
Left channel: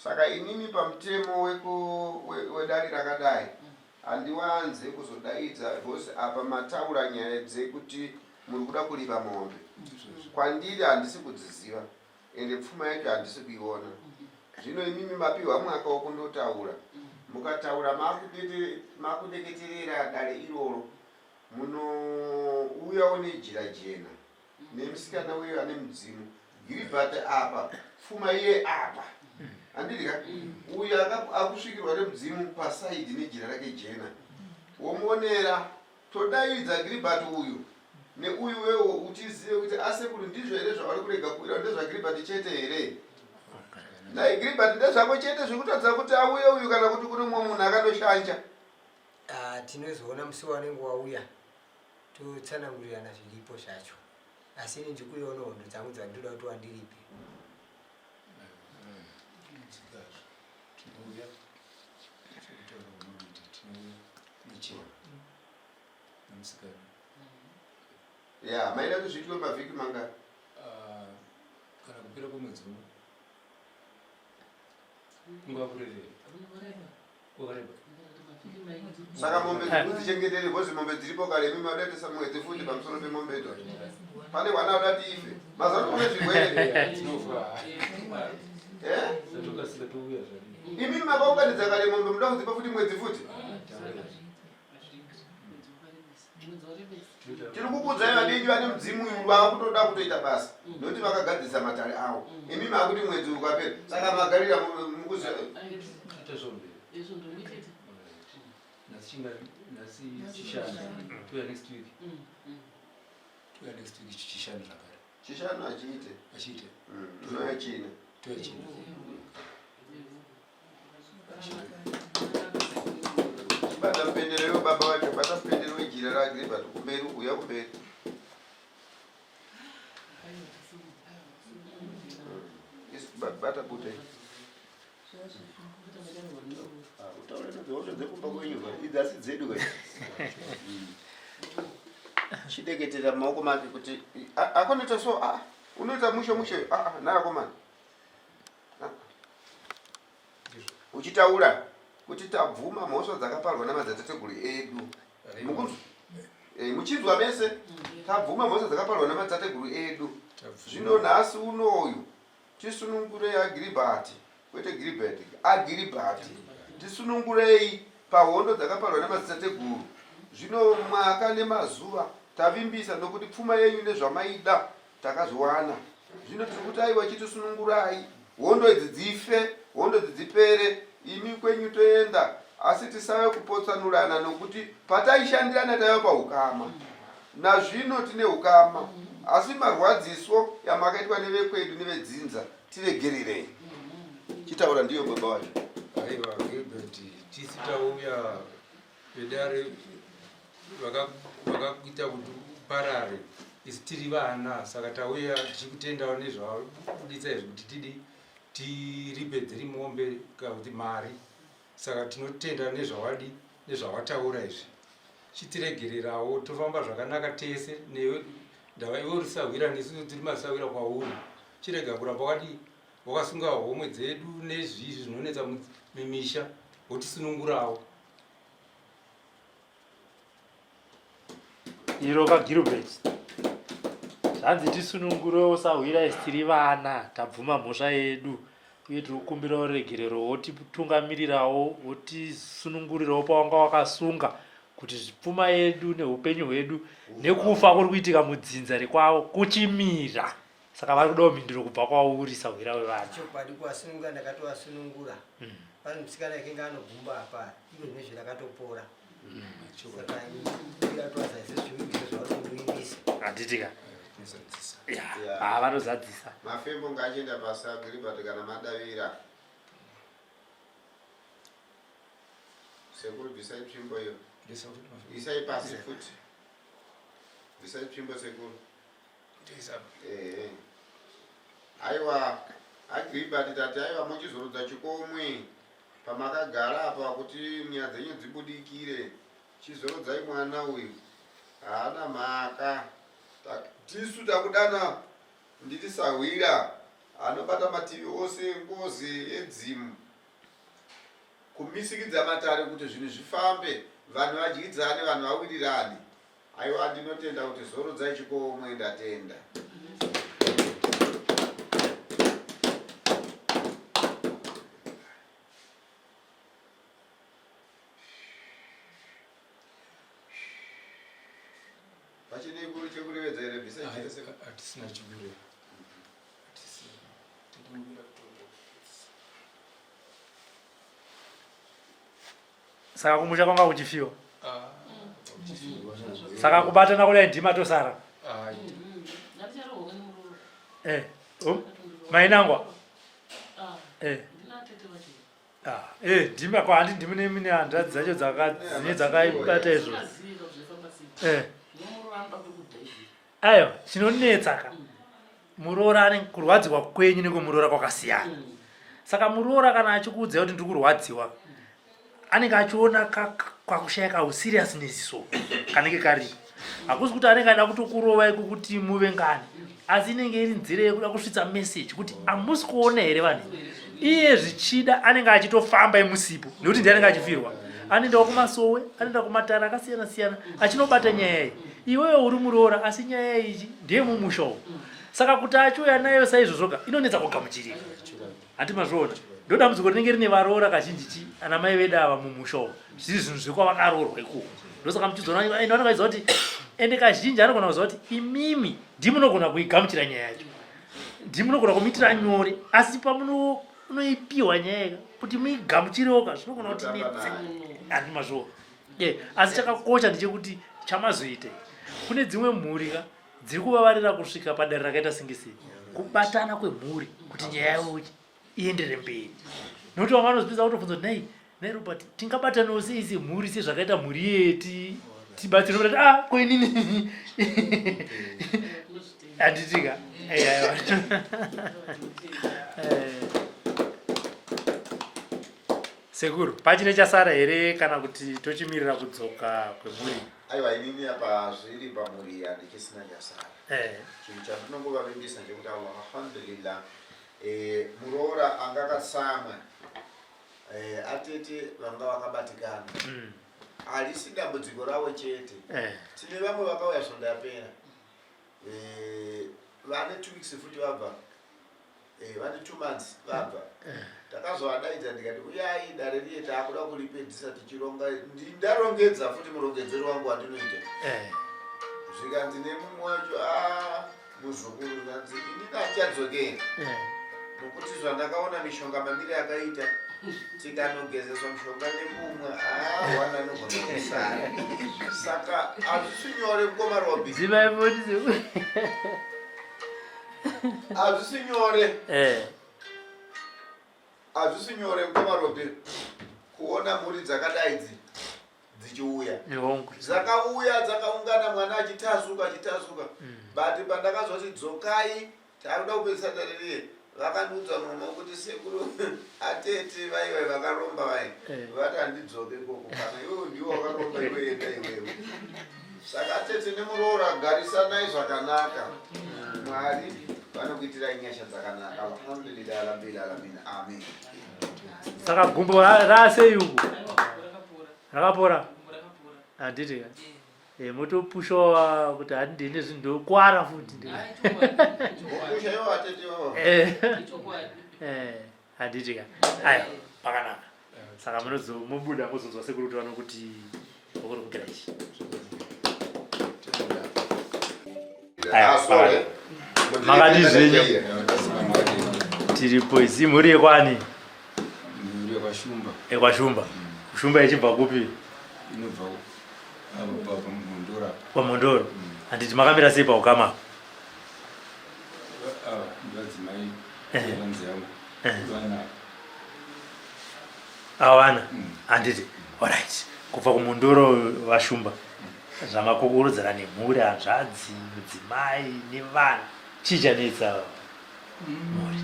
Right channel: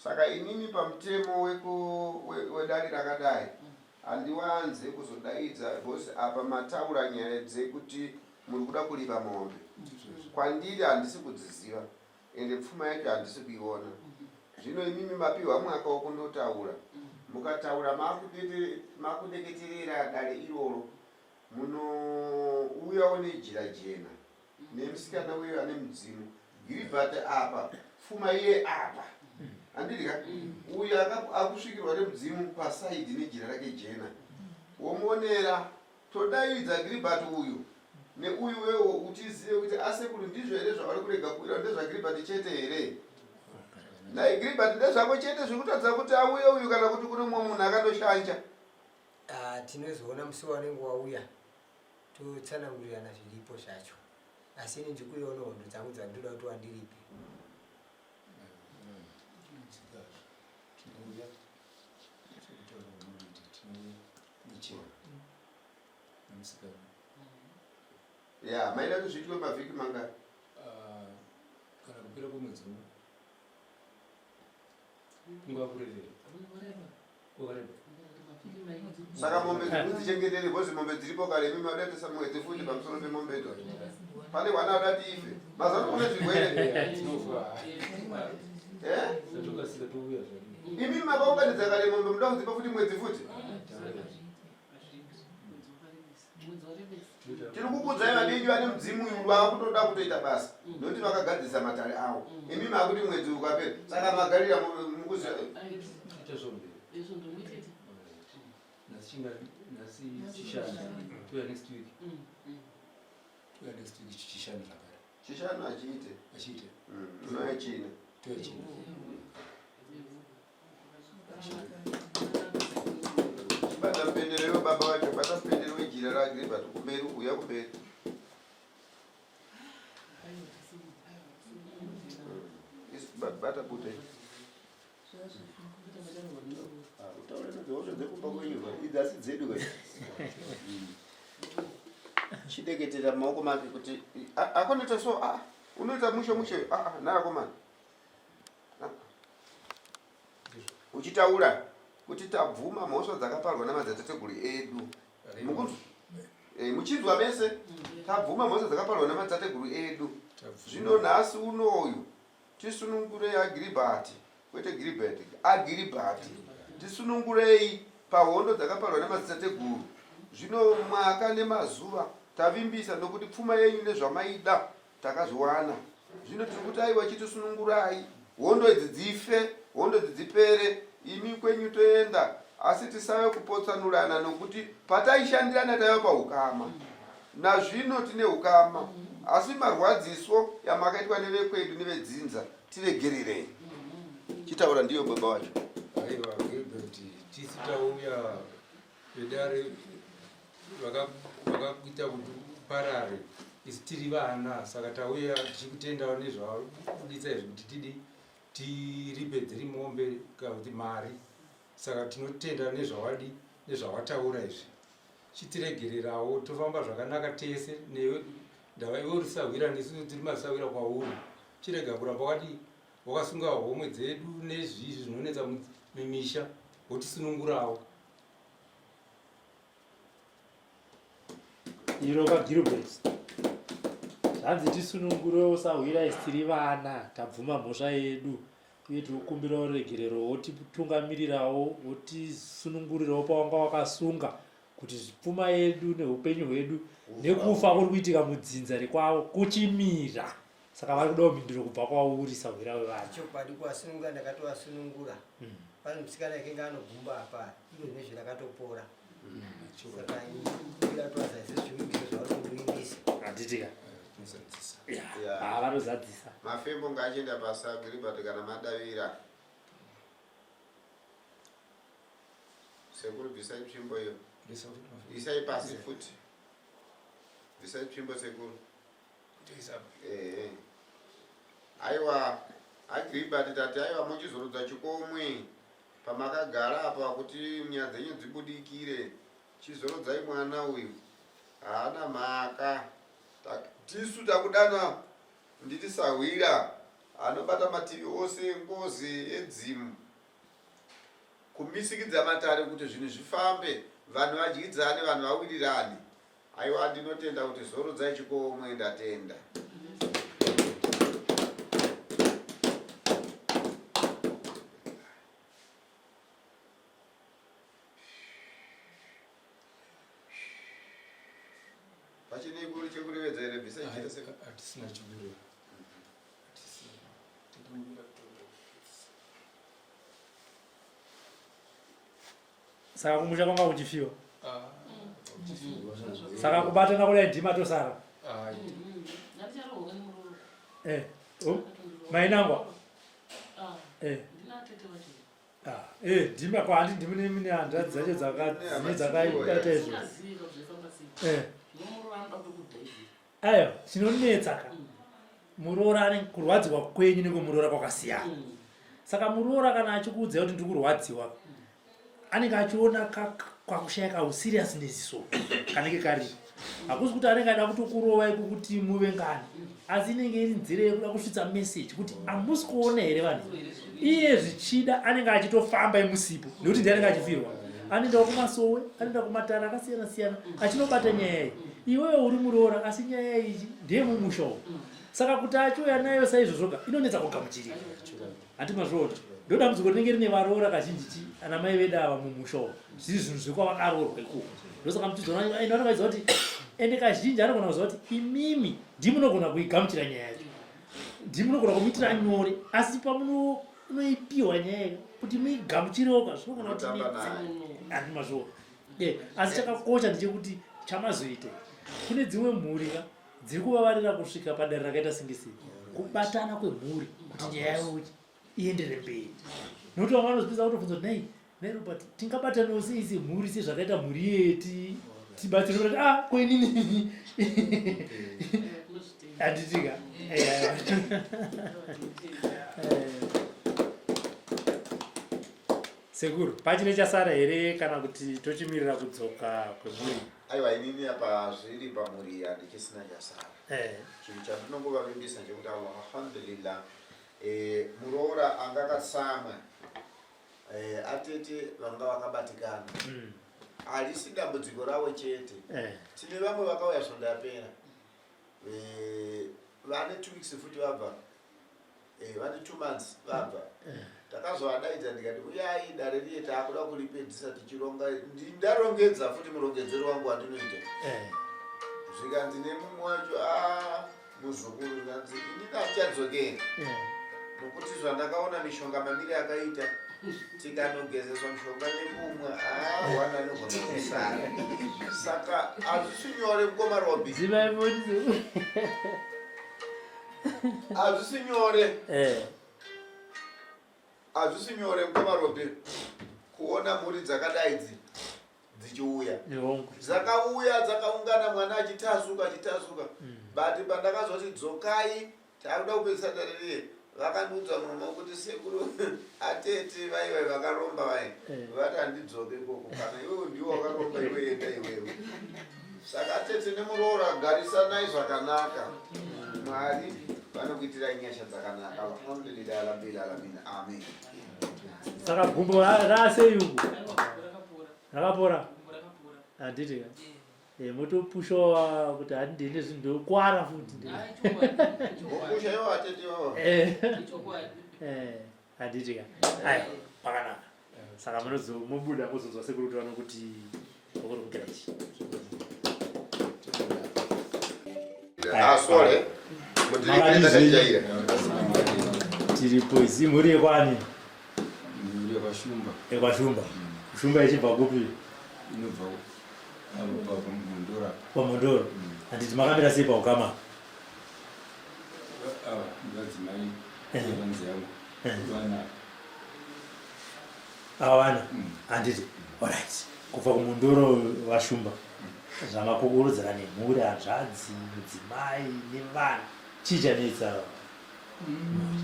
saka inini pamutemo wedare rakadai handiwanze kuzodaidza bhosi apa mataura nyaya dzekuti muri kuda kuripa mombe kwandiri handisi kudziziva ende pfuma yacho handisi kuiona zvino imimi mapiwa mwaka wokundotaura mukataura makudeketerera dare iroro munouyawo nejira jena nemusikana weyo ane mudzimu Gilbert apa pfuma iye apa andirika uyu akusvikirwa nemudzimu pasaidi nejira rake jena womuonera todaidza Gilbert uyu neuyu wewo utizive kuti asekuru ndizvo here zvavari kurega kuira ndezvaGilbert chete here nai Gilbert ndezvako chete zvikutatidza kuti auye uyu kana kuti kune mumwe munhu akanoshanja tinozoona musi wanenge wauya totsanangurirana zviripo zvacho asi ini ndikuiona hondo dzangu dzandoda kuti wandiripe ya maida kuti zviitwe mavhiki manga kana kupera kwemwedzi umwe nguva kurerera kwakareba saka mombe dzichengetere bhozi mombe dziripo kare mimi wadatisa mwedzi futi pamusoro pemombe idzo pane wana wadati ife mazano kune zvirwere imimi makaunganidza kare mombe muda kudzipa futi mwedzi futi tiri kukudzai vadingi vane mudzimu uyu vava kutoda kutoita basa nokuti vakagadzisa matare avo imimi akuti mwedzi ukapera saka magarira mukuziva chishanu achiite noyachina bata mpendero yobaba wacho bata mpendero wejira raGilbert kumberi uya kumberi bata bute utaura nezvaozvo dzekumba kwenyuva idzasi dzedu chideketera mumaoko make kuti akonoita so unoita mushe naakomana uchitaura kuti tabvuma mhosva dzakaparwa namadzitateguru edu muchinzwa mese tabvuma mhosva dzakaparwa namadzitateguru edu zvino nhasi unoyu tisunungurei aGilbert kwete Gilbert aGilbert tisunungurei pahondo dzakaparwa namadzitateguru zvino mwaka nemazuva tavimbisa nokuti pfuma yenyu nezvamaida takazviwana zvino tiri kuti aiwa chitisunungurai hondo idzi dzife hondo idzi dzipere imi kwenyu toenda asi tisave kupotsanurana nokuti pataishandirana taiva paukama nazvino tine ukama asi marwadziso yamakaitwa nevekwedu nevedzinza tiregererei chitaura ndiyo baba wacho aiwa Gilbert tisitauya vedare vakakuita kuti parare isi tiri vana saka tauya tichikutendawo nezvauditsa izvi kuti tiripedzeri mombe kana kuti mari saka tinotenda nezvawadi nezvawataura izvi chitiregererawo tofamba zvakanaka tese newe ndava iwe risawira nesu tiri masawira kwauri chirega kuramba wakasunga homwe dzedu nezvizvi zvinonetsa mimisha wotisunungurawo iro kaGilbert zvanzi tisunungure usahwira isi tiri vana tabvuma mhosva yedu uye tiri kukumbira uregerero wotitungamirirawo wotisunungurirawo pawanga wakasunga kuti pfuma yedu neupenyu hwedu nekufa kuri kuitika mudzinza rekwavo kuchimira. Saka vari kudawo mhinduro kubva kwauri sahwira wevana. chokwadi kuvasunungura ndakatovasunungura pane musikana yakanga anogumba apa ivo nezve rakatopora saka iratovazaise zvivimbiso zvavanondoimbisa Handitika. Yeah. Vanozadzisa. Mafembo ngachienda pasa Gilbert kana madavira. Sekuru bvisai tsvimbo iyo. Isai pasi futi. Bvisai tsvimbo sekuru. Aiwa aGilbert tati aiwa muchizorudza chikomwe pamakagara apa kuti nyaya dzenyu dzibudikire. Chizorudzai mwana uyu. Haana mhaka. Tisu takudana nditisahwira anobata mativi ose ngozi edzimu kumisikidza matare kuti zvinhu zvifambe vanhu vadyidzane vanhu vawirirane. Aiwa ndinotenda kuti zorudzai chikomwe ndatenda. Pachine ikuru chekurevedza ere bvisa chese hatisina chibure Saka kumusha kwanga kuchifiwa. Saka kubatana kule ndima tosara. Mainangwa. Ndima kwa handi ndimune mine handadzi dzacho dzakaibata izvo. Ayo, chinonetsaka. Muroora ane kurwadziwa kwenyu nekumuroora kwakasiyana. Saka muroora kana achikuudza kuti ndiri kurwadziwa, anenge achiona kwakushaya kausiriousness so kanenge karipo. Hakusi kuti anenge ada kutokurovai kuti muve ngani, asi inenge iri nzira yekuda kusvitsa message kuti hamusi kuona here vanhu. Iye zvichida anenge achitofamba emusipo nekuti ndiye anenge achifirwa. Anoendawo kumasowe, anoenda kumatara akasiyana siyana achinobata nyaya iyi. Iwewe uri muroora asi nyaya iyi ndiye mumusha umu. Saka kuti achiuya nayo saizvozvoga inonetsa kugamuchirira. Handi mazviona. Ndodambudziko rinenge rine varoora kazhinji ana mai vedu ava mumusha umu. Zviri zvinhu zvekwavakaroorwa ikoko. Ndosaka muchizoona vanenge vachiziva kuti ende kazhinji anogona kuziva kuti imimi ndimunogona kuigamuchira nyaya yacho. Ndimunogona kumitira nyore asi pamunoipiwa nyaya kuti muigamuchirewoka zvinogona kuti handi mazviona. Asi chakakosha ndechekuti chamazoita kune dzimwe mhuri dziri kuvavarira kusvika padare rakaita singisei kubatana kwemhuri kuti nyaya yavo iendere mberi. Nokuti vamwe vanozopedza kutobvunza kuti nai Robert tingabatanawo sei semhuri sezvakaita mhuri yeti tibatsire kuti kwenini handitika. Sekuru, pachine chasara here kana kuti tochimirira kudzoka kwemhuri? Aiwa inini apa zviri pamhuri handichisina chasara. Chinhu chandinongovavimbisa ndechekuti alhamdulillah muroora anga akatsamwa atete vanga vakabatikana. Harisi dambudziko ravo chete. Tine vamwe vakauya zvondapera vane 2 weeks futi vabva, vane 2 months vabva. Takazovadaidza ndikati uyai dare riye taakuda kuripedzisa tichironga. Ndarongedza futi murongedzero wangu wandinoita. Zvikanzi nemumwe wacho muzukuru ndanzi ini ndachadzokera. Nokuti zvandakaona mishonga mamiri akaita tikanogezeswa mishonga nemumwe wana anogona kusara. Saka hazvisi nyore mukoma Robi. Hazvisi nyore. Hazvisi nyore mukoma Robi kuona mhuri dzakadai dzichiuya. Dzakauya dzakaungana mwana achitasuka. But pandakazoti dzokai takuda kupedzisa dare riye vakanudza mwana kuti sekuru atete vaiva vakaromba vai vati handidzoke koko kana iwewe ndiwo wakaromba iwe enda iwewe. Saka atete nemuroora garisanayi zvakanaka. Mwari vanokuitirai nyasha dzakanaka. Alhamdulillah rabbil alamin. Amen. Saka gumbo rasei uku? Rakapora? Handiti. motopushawa kuti handine zvinhu ndokwara futi Okusha yo atete wawa. handiti ka aya pakanaka saka munozomubuda muzonzwa sekuru kuti vanokuti okuri kugira ichi Sorry. Makati zvenyu tiripo izi mhuri yekwani Muri yakashumba. ekwashumba kushumba ichibva kupi Inobva apa pamundora. kwamondoro handiti makamira sei paukama Ndadzimai vanzi yangu. Vana. awana handiti alright kubva kumundoro vashumba zvamakukurudzira nemhuri hanzvadzi mudzimai nevana chii chanetsa mhuri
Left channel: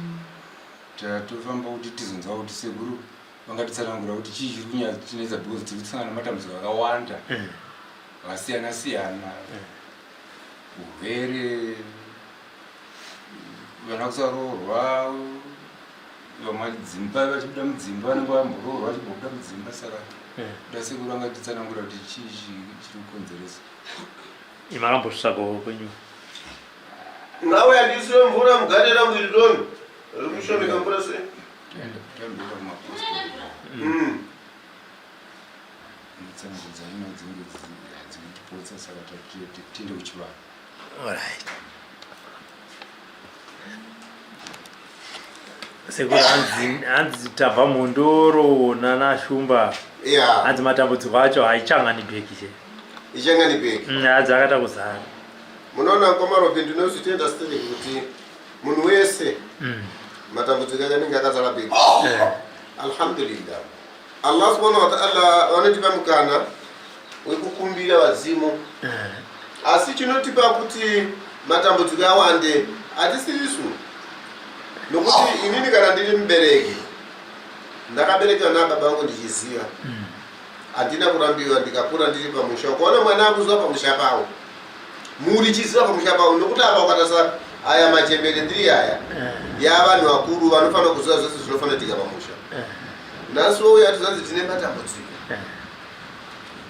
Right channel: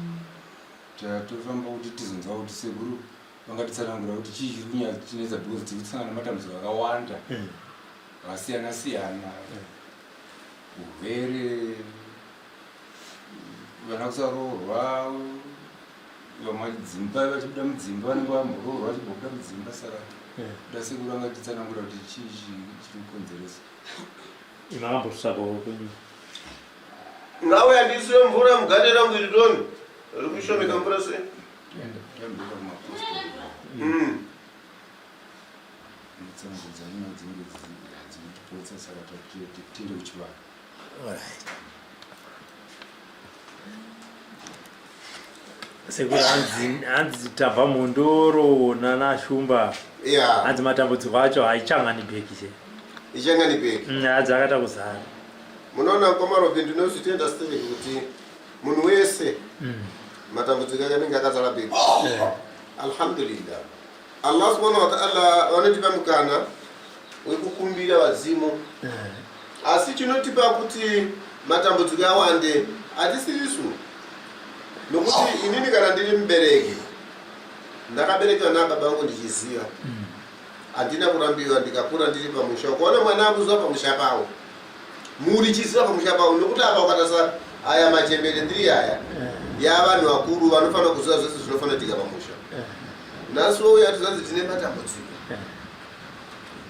Tatofamba kuti tizonzwa kuti sekuru vangatitsanangura kuti chii chiri kunyatinetsa because tiri kusangana nematambudziko akawanda akasiyana siyana, urwere, vana kusaroorwa, vamadzimba vachibuda mudzimba vanenge vamboroorwa vachibuda mudzimba. Saka kuda sekuru vangatitsanangura kuti chii chiri kukonzeresa. imakambosvikawo kwenyu Nawe andisiwe mvura mugadera mwirironi. Rikushomeka mvura sei? Tambira kumapostoli. Mutsanangudza ino dzinenge dzinotipotsa saka tiende kuchivana. alright sekuru hanzi tabva mondoro nanashumba Yeah. hanzi matambudziko acho haichangani bheki che Ichangani beki. hadzi akata kuzara Munoona kwamarobe ndinozvitenda stili kuti munhu wese matambudziko anenge akazara beki. Alhamdulillah. Allah subhanahu wa ta'ala vanotipa mukana wekukumbira vazimu. Asi chinotipa kuti matambudziko awande hatisisu. Nokuti inini kana ndiri mubereki ndakaberekerwa nababa vangu ndichiziva. Handina kurambiwa ndikakura ndiri pamusha. Ukaona mwana akuzwa pamusha pawo. Muri chiziva pamusha pawo nokuti apa ukatasa aya machembere ndiri aya. Ya vanhu vakuru vanofanira kuziva zvose zvinofanira kuitika pamusha. Naso uya tizanzi tine matambudziko.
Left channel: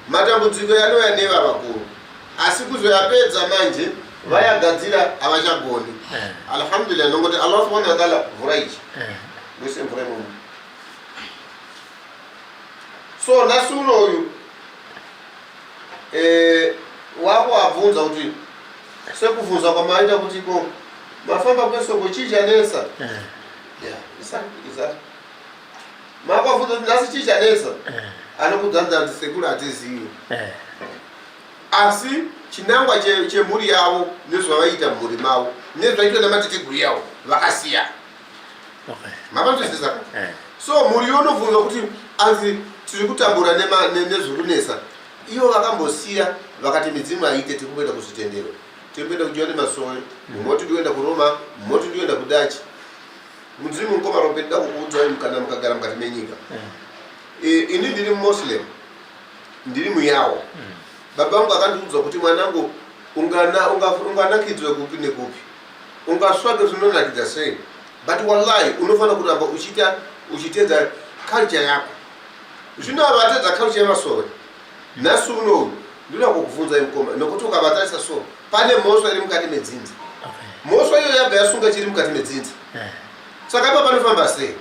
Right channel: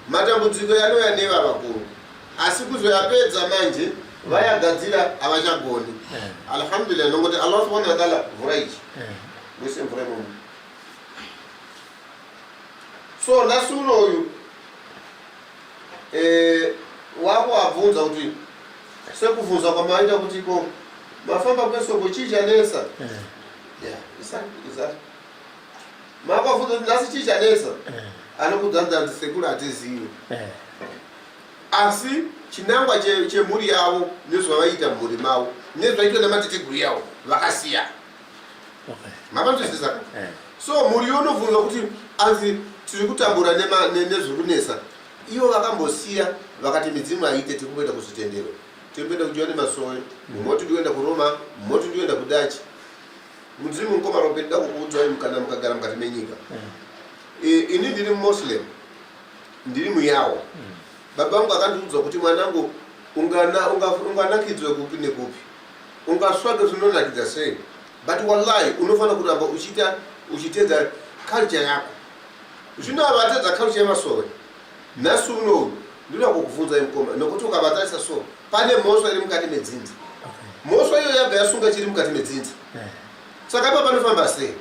Matambudziko anouya neva vakuru. Asi kuzoyapedza manje vayagadzira havachagoni. Alhamdulillah nokuti Allah subhanahu wa ta'ala mvura ichi. Mwese mvura imomo. So nasuno uyu wabvunza kuti sekubvunza kwamaita kuti ko mafamba kwesoko chii chanesa. Isati makabvunza kuti nhasi chii chanesa anokudzanza kuti sekuru hatizivi. Asi chinangwa chemhuri yavo nezvavaita mhuri mavo nezvaitwa nematitiguru yavo vakasiya. Makamtozisa. So mhuri unobvunza kuti anzi tiri kutambura nezviri kunesa. Ivo vakambosiya vakati midzimu aite tikumboenda kuzvitendero. Tikumboenda kuJohani Masowe, mumoti ndikuenda kuRoma, mumoti ndikuenda kuDachi. Mudzimu Nkomarobe ndida kukuudzai kana mukagara mukati menyika. Ini ndiri Muslim. Ndiri muyawo. Baba vangu akandiudza kuti mwanangu unganakidzwe kupi nekupi. Ungasvake zvinonakidza sei. But wallahi unofanira kuramba uchitedza culture yako. Zvino avatedza culture yeMasowe. Nhasi uno ndinoda kukubvunza Mukoma nokuti ukabatarisa so pane mhosva iri mukati medzinza. Mhosva iyo yabva yasunga chiri mukati medzinza. Saka ipa panofamba sei?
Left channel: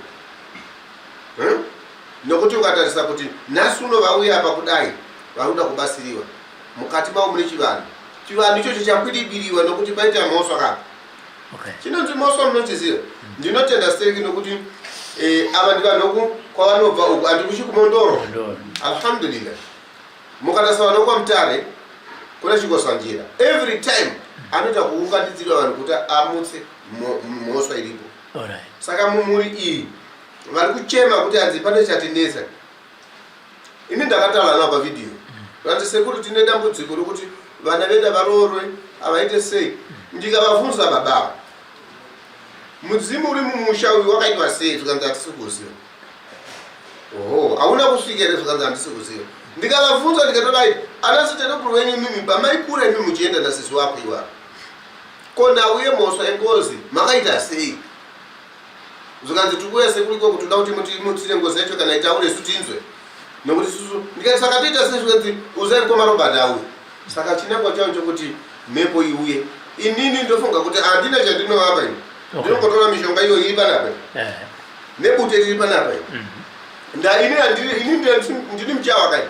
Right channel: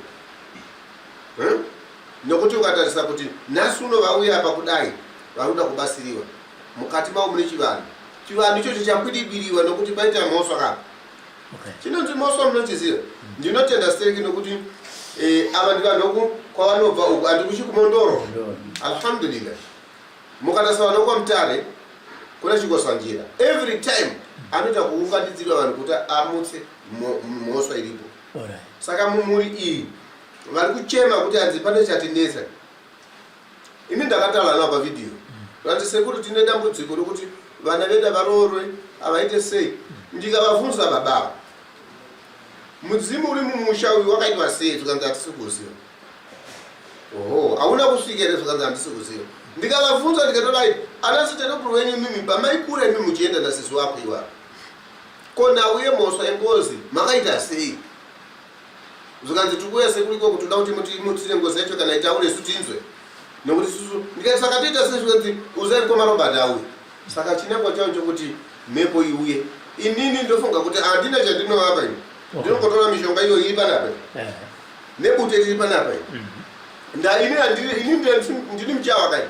Nokuti ukatarisa kuti nhasi uno vauya apa kudai varuda kubasiriwa. Mukati mavo mune chivanhu. Chivanhu ichocho chakwidibiriwa nokuti paita mhosva kapa. Chinonzi mhosva munochiziva. Ndinotenda steki nokuti ava ndivanhu kwavanobva uku handikuchi kumondoro. Alhamdulillah. Mukatarisa vanhu kwaMutare kuna chikosanjira. Every time anoita kuunganidzira vanhu kuti amutse mhosva iripo. Saka mumhuri iyi vari kuchema kuti hanzi pane chatinesa. Ini ndakataura navo pavidhiyo. Vanzi sekuru tine dambudziko rokuti vana vedu varoorwe havaite sei. Ndikavabvunza baba mudzimu uri mumusha uyu wakaitwa sei zvikanzi hatisi kuziva. Hauna kusvika here zvikanzi handisi kuziva. Ndikavabvunza ndikatodai anasiterekuru wenyu mimi pamaikura imi muchienda nasisi wako iwako. Ko nhau yemhosva yengozi makaita sei. Zvikanzi tikuuya sekuriko kuti toda kuti mutsire ngozi yacho kana itaure isu tinzwe. Nokuti susu ndikati saka toita sei zvikanzi uzai Nkomarobe auye. saka chinangwa changu kuti mhepo iuye inini ndofunga kuti andina chandinoapa ini ndinongotora mishonga iyo iri panapa nebute riri panapa ini ndini muchawa kai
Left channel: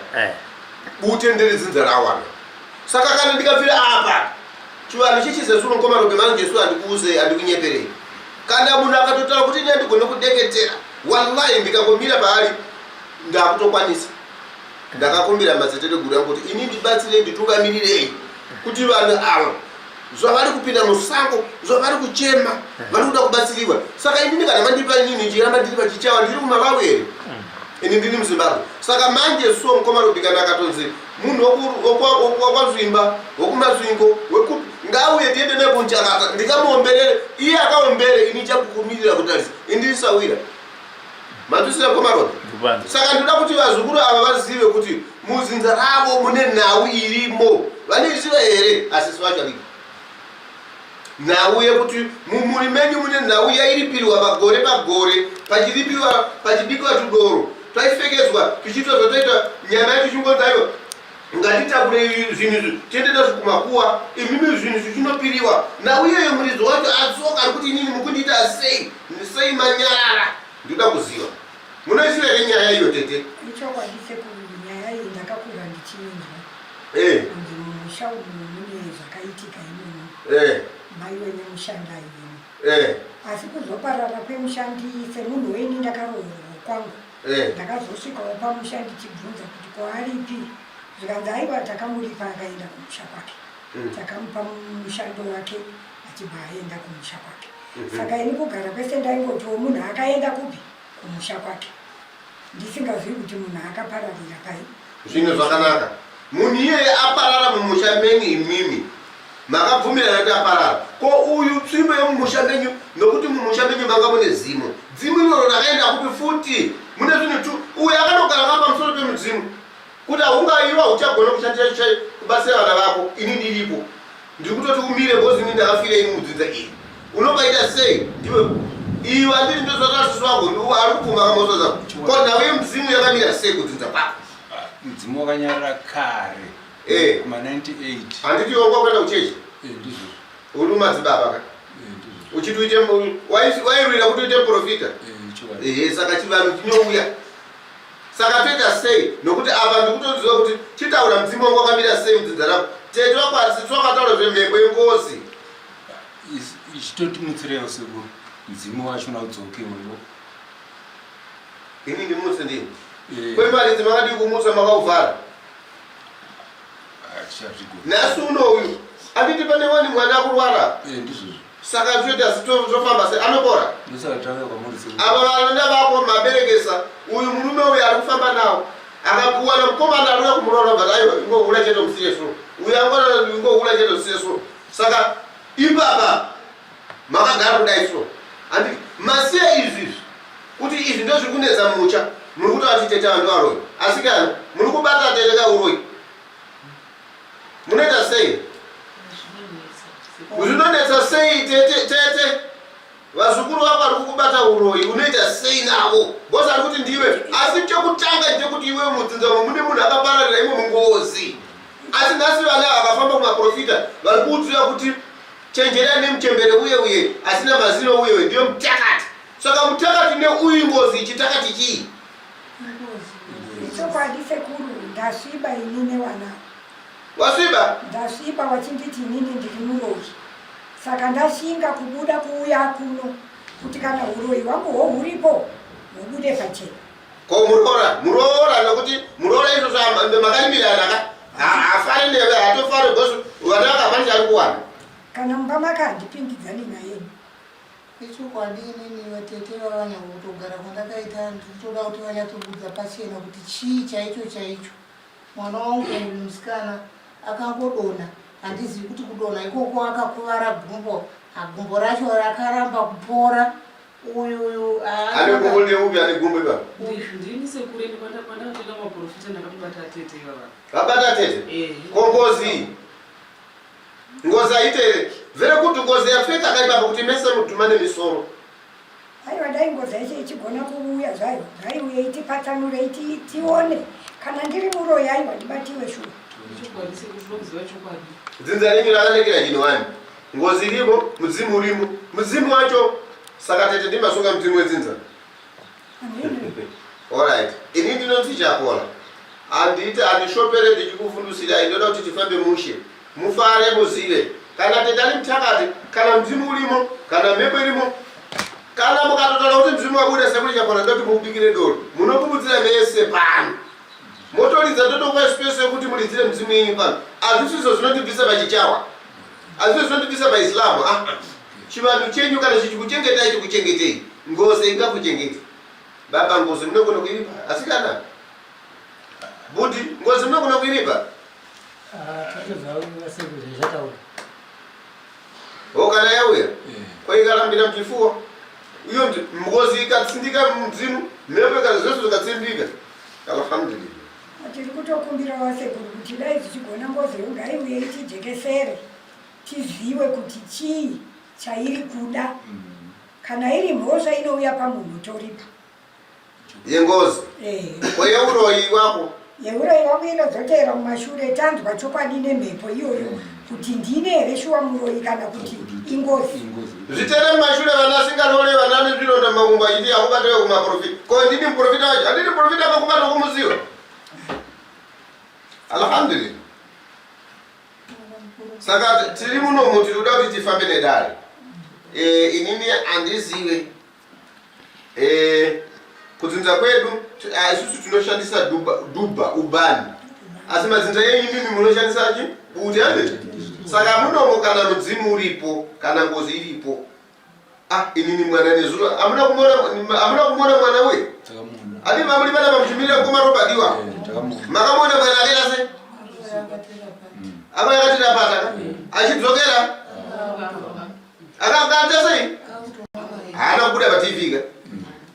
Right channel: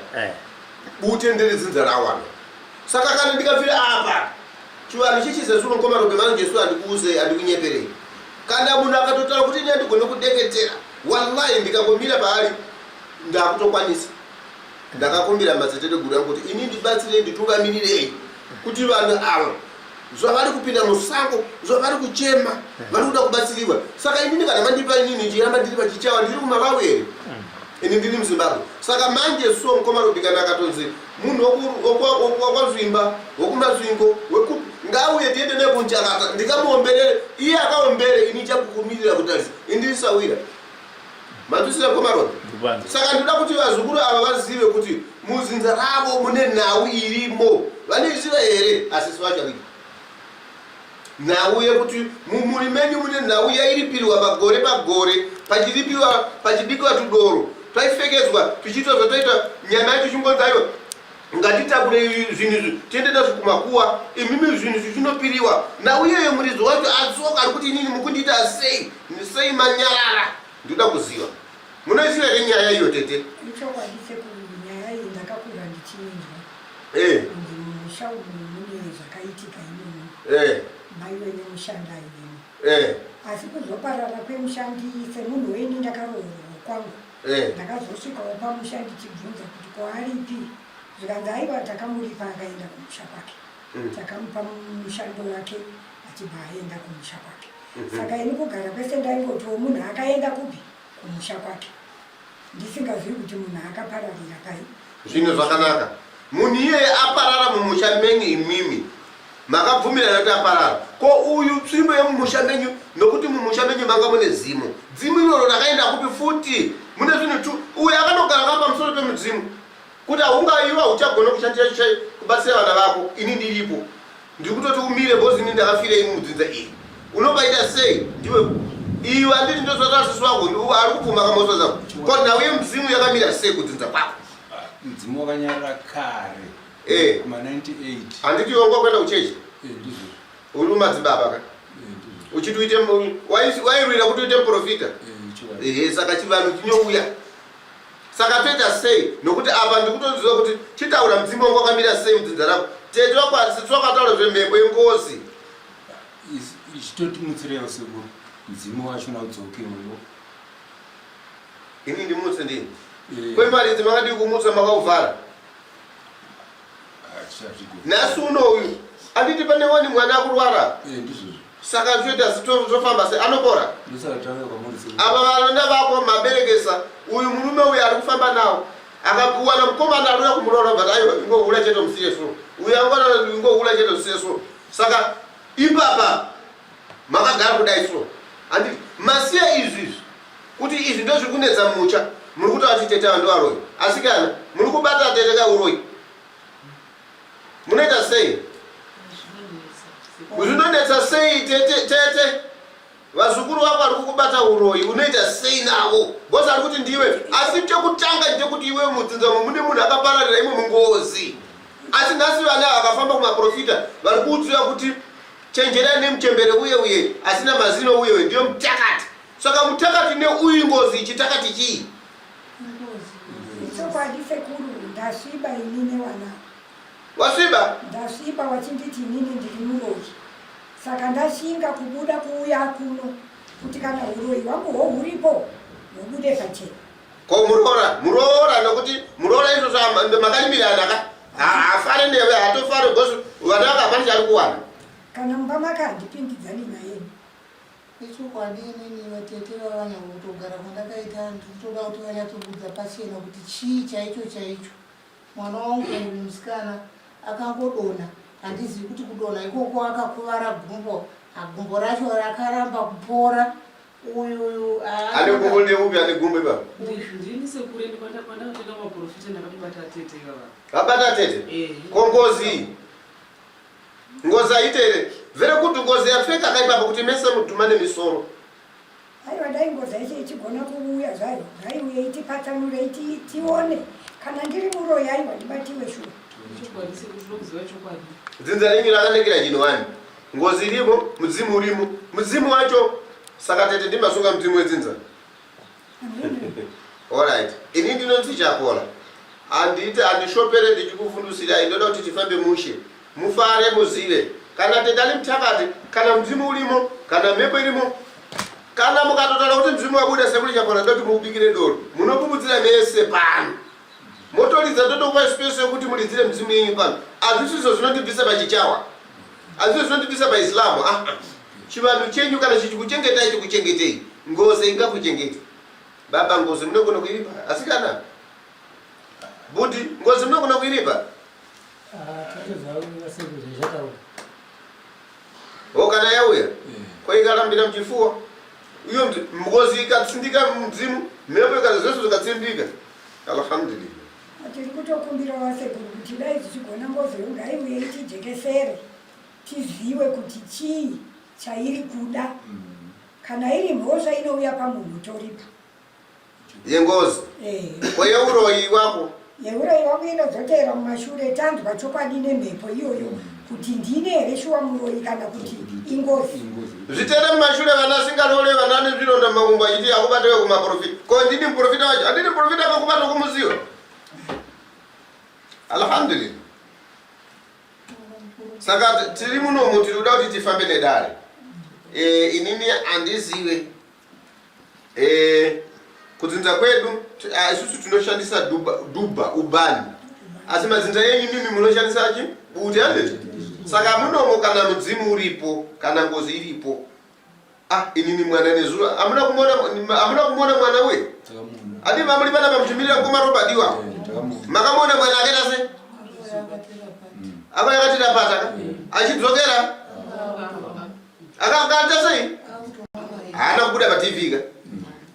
bute nderedzinza rawana saka kana ndikafira apa chivanhu chichizesuno komarobe manje jesu andikuuze andikunyeperei kana munhu akatotaura kuti ine ndigone kudeketera wallahi ndikangomira paari ndakutokwanisa ndakakumbira mazitete guru yangu kuti ini ndibatsirei nditungamirirei kuti vanhu ava zvavari kupinda musango zvavari kuchema vari kuda kubatsiriwa saka inini kana mandipa inini ndiramba ndiri pachichawa ndiri kuMalawi here ini ndiri muZimbabwe saka manje so mukomarobe kana akatonzi munhu wakwazvimba wokumasvingo ngauye tiende nekunchakata ndikamuomberere iye akaombere ini chakukumirira kutarisa indirisawira mandisina komarobe saka ndoda kuti vazukuru ava vazive kuti muzinza ravo mune nhau irimo vanoiziva here asisi vachavika nhau yekuti mumuri menyu mune nhau yairipirwa pagore pachibikiwa tudoro taifekedzwa tuchiitwa zvotoita nyama yetu chingonzayo ngatitakure zvinhu tiende nazvo kumakuwa imimi zvinhu zvichinopiriwa nhau iyoyo muridzo wacho atsoka ari kuti inini mukundiita sei manyarara ndinoda kuziva munoisiva here nyaya iyo tete ichokwadise kuti nyaya iyi ndakakura ndichinzwa kuti mumusha umu mune zvakaitika imweni mai wenye mushanda imweni asi kuzoparara kwemushandi semunhu weni ndakarohorwa kwangu ndakazosvikawo pamusha ndichibvunza kuti kwaaripi zvikanzi aiwa takamuripa akaenda kumusha kwake takamupa mushando wake achibva aenda kumusha kwake saka ini kugara kwese ndaingotiwo munhu akaenda kupi kumusha kwake ndisingazivi kuti munhu akapararira pai zvinhu zvakanaka munhu iyeye aparara mumusha menyu imimi makabvumirana kuti aparara ko uyu tsvimbo yemumusha menyu nokuti mumusha menyu manga mune zimu iroro rakaenda kupi futi mune zvinhu tu uyu akanogara pamusoro pemudzimu kuti haungaiwa uchagona kushandisa kubatsira vana vako ini ndiripo ndiri kutoti umire bozi ini ndakafira ini mudzinza iyi unobaita sei ndiwe iwe andiri ndozvakasisi wangu ari kupfuma kamosoza ko nhau yemudzimu yakamira sei kudzinza kwako mudzimu wakanyarara kare kuma98 handiti wanga kuenda kuchechi uri mumadzibaba ka uchiti uite wairwira kuti uite profita saka chivanhu chinouya saka toita sei nokuti apa ndikutoziva kuti chitaura mudzimu wangu wakamira sei mudzinza rako tete wakwasisi wakataura zvemhepo yengozi ichitoti mutsirewo sekuru mudzimu wacho naudzokewo ini ndimutse ndini kwemaridzi makadi kumutsa makauvhara nhasi unoyu anditi pane wani mwana akurwara saka zvoita zofamba sei anopora apa vana vako maberekesa uyu murume uyu ari kufamba nawo akakuwana mukomana arikuda kumurora but aiwa ingohula chete musiyeso uyu angona ingohula chete musiyeso saka ipapa makagara kudai so anditi masiya izvizvi kuti izvi ndozviri kunetsa mucha muri kuti vatiteta ndovaroyi asi kana muri kubata tete kauroyi munoita sei zvinonetsa sei tete vazukuru vako vari kukubata uroyi unoita sei navo bosi ari kuti ndiwe asi chekutanga ndechekuti iwe mudzinzamo mune munhu akapararira imwe mungozi asi nhasi vana vakafamba kumaprofita vari kuudzira kuti chenjerai nemuchembere uye asina mazino uye ndiyo mutakati saka mutakati neuyu ngozi chitakati chii chokwadi sekuru ndasviba inini wana wasviba ndasviba wachinditi inini ndiri muroyi saka ndashinga kubuda kuuya kuno kuti kana uroyi wangu hwohuripo hubude pachena ko muroora nokuti muroora izvozvo makalimirana afare neve hatofare bosi vana vakapani chari kuwana kana mumba makandipindidzani nayeni ichokwadi inini vatete vavanyakutogara kwandakaita nditoda kuti vanyatobudza pachena kuti chii chaicho mwana wangu musikana akangodona handizivi kuti kudona ikoko akakuvara gumbo racho rakaramba kupora uyu ane gumbo neupi ane gumbo ipapa ndini sekure ndipandakatoenda maprofita ndakatobata tete ivava vabata tete ko ngozi aitere vere kuti ngozi yapfeka kaipapa kuti mese mudhuma nemisoro aiwa dai ngozi yacho ichigona kuuya zvayo ngaiuye itipatsanure tione kana ndiri muroyi aiwa ndibatiwe shuwa chokwadi sekuti unokuziva chokwadi dzinza ringi rakanakira chino wani ngozi irimo mudzimu urimo mudzimu wacho saka tete ndimasunga mudzimu wedzinza alright ini ndinoti chakola anditi andishopere ndichikufundisirai ndoda kuti tifambe mushe mufare muzive kana tete ali mtakati kana mdzimu urimo kana mhepo irimo kana mukatotaura kuti mdzimu wabuda sekuli chakola ndoti mubikire doro munokubudzira mese pano motoridza totokupa space yekuti mulidzire mdzimu yenyu pano azvisizo zvinotibvisa pachichawa azvizo zvinotibvisa paislamu chivanhu chenyu kana chichikuchengetai chikuchengetei ngozi ingakuchengeti baba ngozi munogona kuiripa asikana budi ngozi munogona kuiripa kana yauya kwaikarambira muchifuwa uyo ngozi ikatsindika mudzimu mhepo kana zvese zvikatsindika alhamdulillah tiri kutokumbira wasekuru kuti dai tichigona ngozi ngaiuye itijekesere tizive kuti chii chairi kuda kana iri mhosva inouya pamunhu toripa yengozi kweyeuroyi wako yeuroyi wako inozotera mumashure tanzwa chokwadi nemhepo iyoyo kuti ndine here shuwa muroyi kana kuti ingozi zvitere mumashure vana singarore vana nezvironda makumbo achiti akubatewe kumaprofita ko ndini muprofita wacho handini muprofita akakubata kumuziva alhamdulillah saka tiri munomu tiri kuda kuti tifambe nedare inini handizive kudzinza kwedu isusu tinoshandisa dhubha ubani asi madzinza yenyu mimi munoshandisa chi buti handiti saka munomu kana mudzimu uripo kana ngozi iripo inini mwana nezuro hamuna kumona mwana we adi mamuli pana pamuchimirira kumarobadiwa makamona mwana akaita se apa yakatirapata achidzokera akakata sei haana kubuda patv ka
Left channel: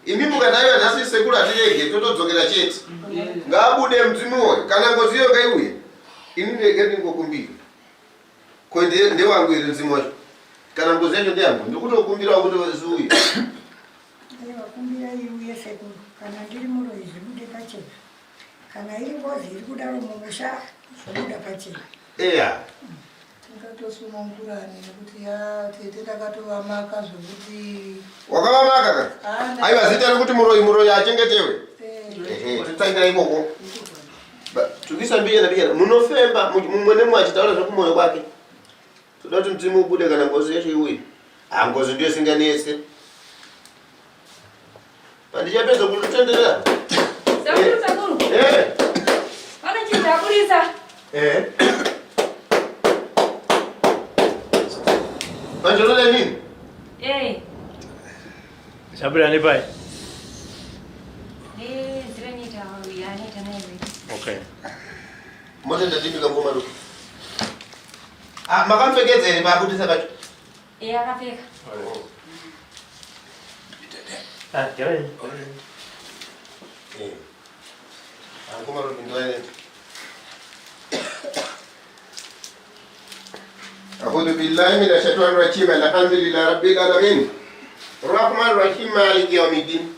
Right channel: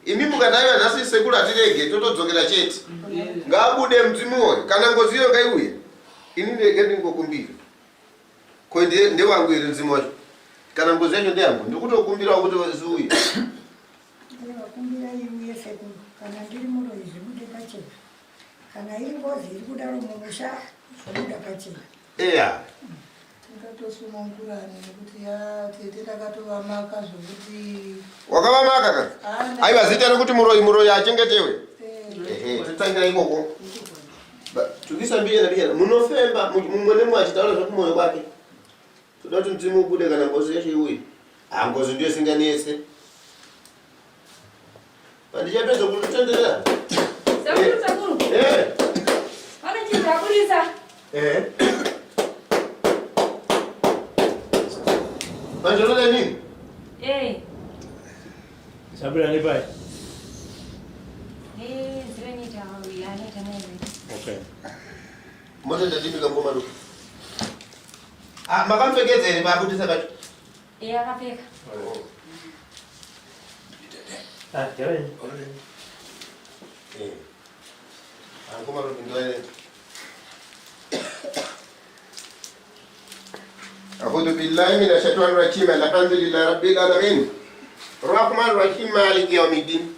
imi mukadaiwa nhasi sekulu atirege totodzokera chete ngaabude mdzimuwo kana ngozi iyo ngaiuye ini ndege ndingokumbira ko ndewangu iri mdzimu wacho kana ngozi yacho ndeyangu ndikutokumbirawo kuti ziuye vakumbira iuye sekulu kana ndiri muroyi zvibude pachena kana iri ngozi iri kudaro mumusha zvobuda pachena eya tikatosunungurani nekuti tete takatovamaka zvokuti wakavamaka ka aiwa zita rekuti muroyi achengetewe titsangira ikoko tukisa mbiyana munofemba mumwe nemwe achitaura zvekumwoyo kwake toda kuti mdzimu ubude kana ngozi yacho iuye ngozi ndiyo singanese pandichapedza kutenderera sakuru pane chinhu akurisa panjolole nini Sabira ni pai. Zrenita yanita nawe. Okay. Mmoja ndadimika ngoma ruku. Makamfekedzeni babudisa kacho. Akapfeka. Jawai. Ngoma ruku ndoene. أعوذ بالله من الشيطان الرجيم الحمد لله رب العالمين الرحمن الرحيم مالك يوم الدين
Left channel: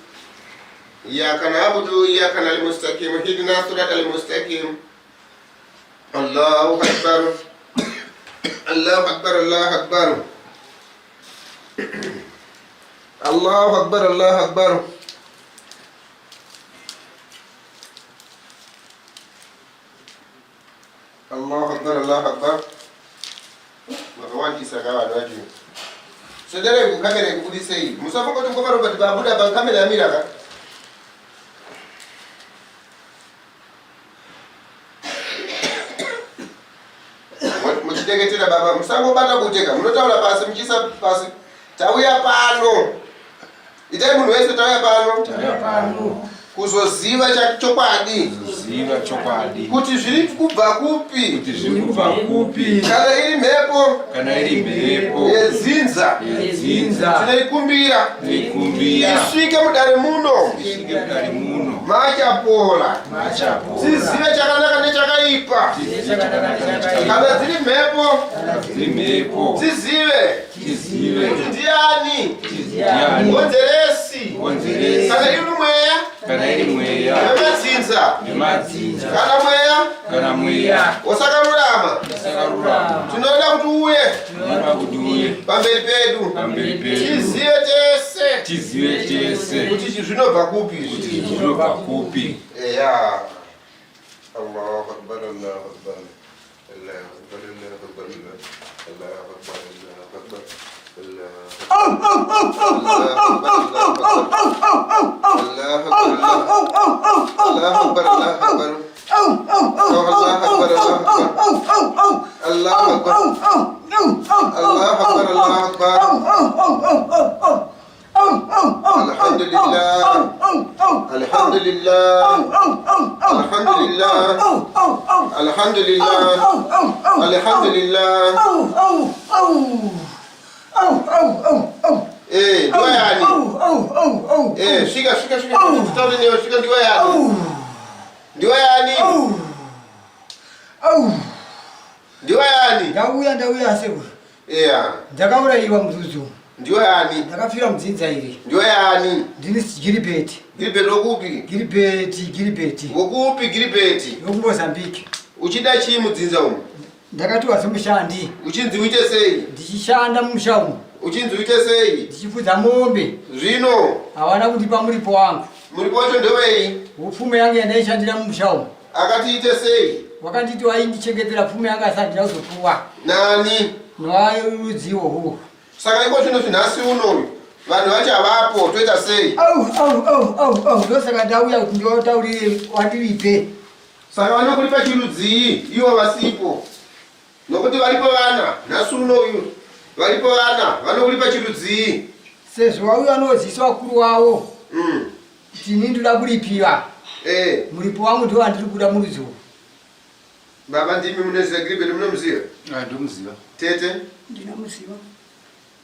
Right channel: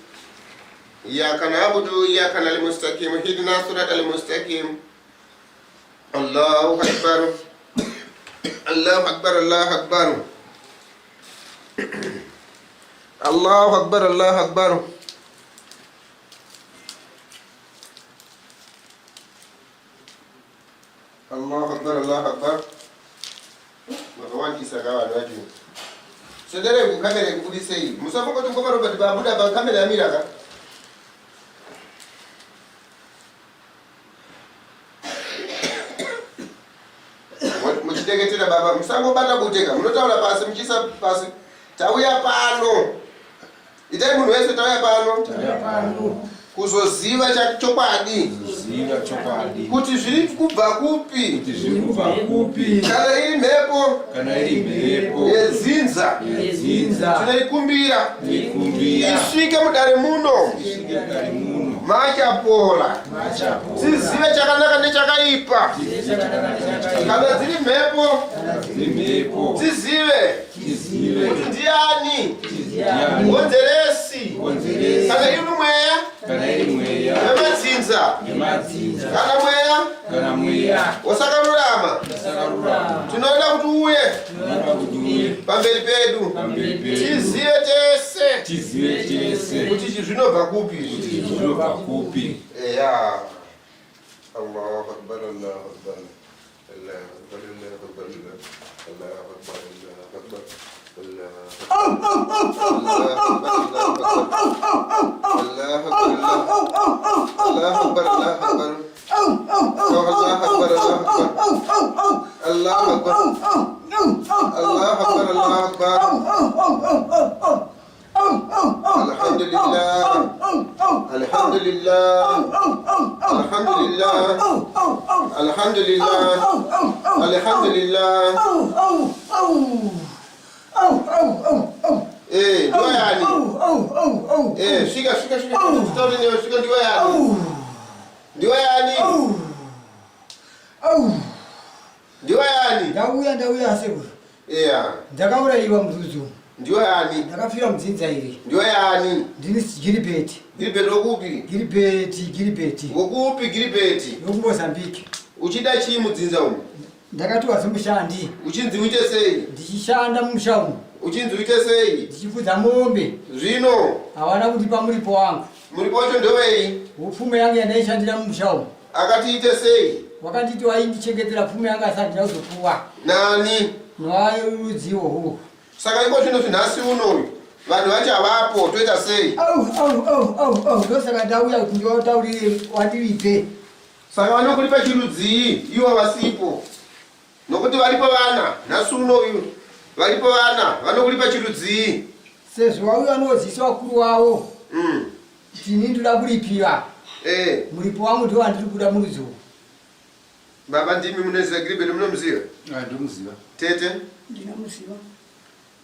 إياك نعبد وإياك نستعين اهدنا الصراط المستقيم الله أكبر الله أكبر الله أكبر الله أكبر الله أكبر الله أكبر الله أكبر Makawanti sagawa watu. Sedere kukamera kubudisa hii. Musafa kwa ngoma Robert babuda ba kamera ya miraka. Muchiteketera baba musango bata kuteka. Munotaura pasi muchisa pasi. Tauya pano. Itai munhu wese tauya pano. Tauya pano. Kuzoziva chokwadi. Kuziva chokwadi. Kuti zviri kubva kupi? Kuti zviri kubva kupi? Kana iri mhepo. Kana iri mhepo. Yezinza. Yezinza. Tinoikumbira. Tinoikumbira. Isvike mudare muno. Isvike mudare muno. Machapora. Machapora. Tizive chakanaka nechakaipa. Tizive chakanaka nechakaipa. Kana dziri mhepo. Kana dziri mhepo. Tizive. Tizive. Kuti ndiani? Ndiani? Ngonzeresi. Ngonzeresi. Kana iri mweya. Kana iri mweya. Nemadzinza. Nemadzinza. Kana mweya. Kana Mwiya. Osakarurama. Tinoda kuti uye. Pamberi pedu. Tizive tese. Kuti zvinobva kupi. Eya. Allahu akbar, Allahu akbar. Allahu akbar, Allahu akbar. Allahu akbar, Allahu akbar. Ndauya sebu. Ndakaura iwa mzuzu. Ndakafira mudzinza iri. Ndini Gilbert. Gilbert okupi? Gilbert. Okupi Gilbert? Mozambique. Uchida chii mudzinza umu? Ndakati wazimushandi. Uchinzi uite sei? Ndichishanda mumusha umu. Uchinzi uite sei? Ndichifudza mombe. Zvino hawana kundipa muripo wangu. Muripo wacho ndewei? Upfume yangu yandaishandira mumusha umu. Akatiite sei? Wakanditi waindichengetera pfume yangu asati ndazopuwa. Nani? Nowarudziwo huu. Saka iko zvino zvinhasi uno vanhu vachavapo toita sei? Ndosaka ndauya kuti ndiotaurire wandiripe. Saka vanokulipa chirudzii ivo vasipo? Nokuti varipo vana nhasi uno uyu varipo vana vanokulipa chirudzii. Sezvo wauya noziisa wakuru wavo tini ndoda kuripiwa. Muripo wangu ndiwo wandiri kuda murudziwo. Baba ndimi munoziva Gilbert munomuziva? Ndomuziva. Tete? Ndinomuziva.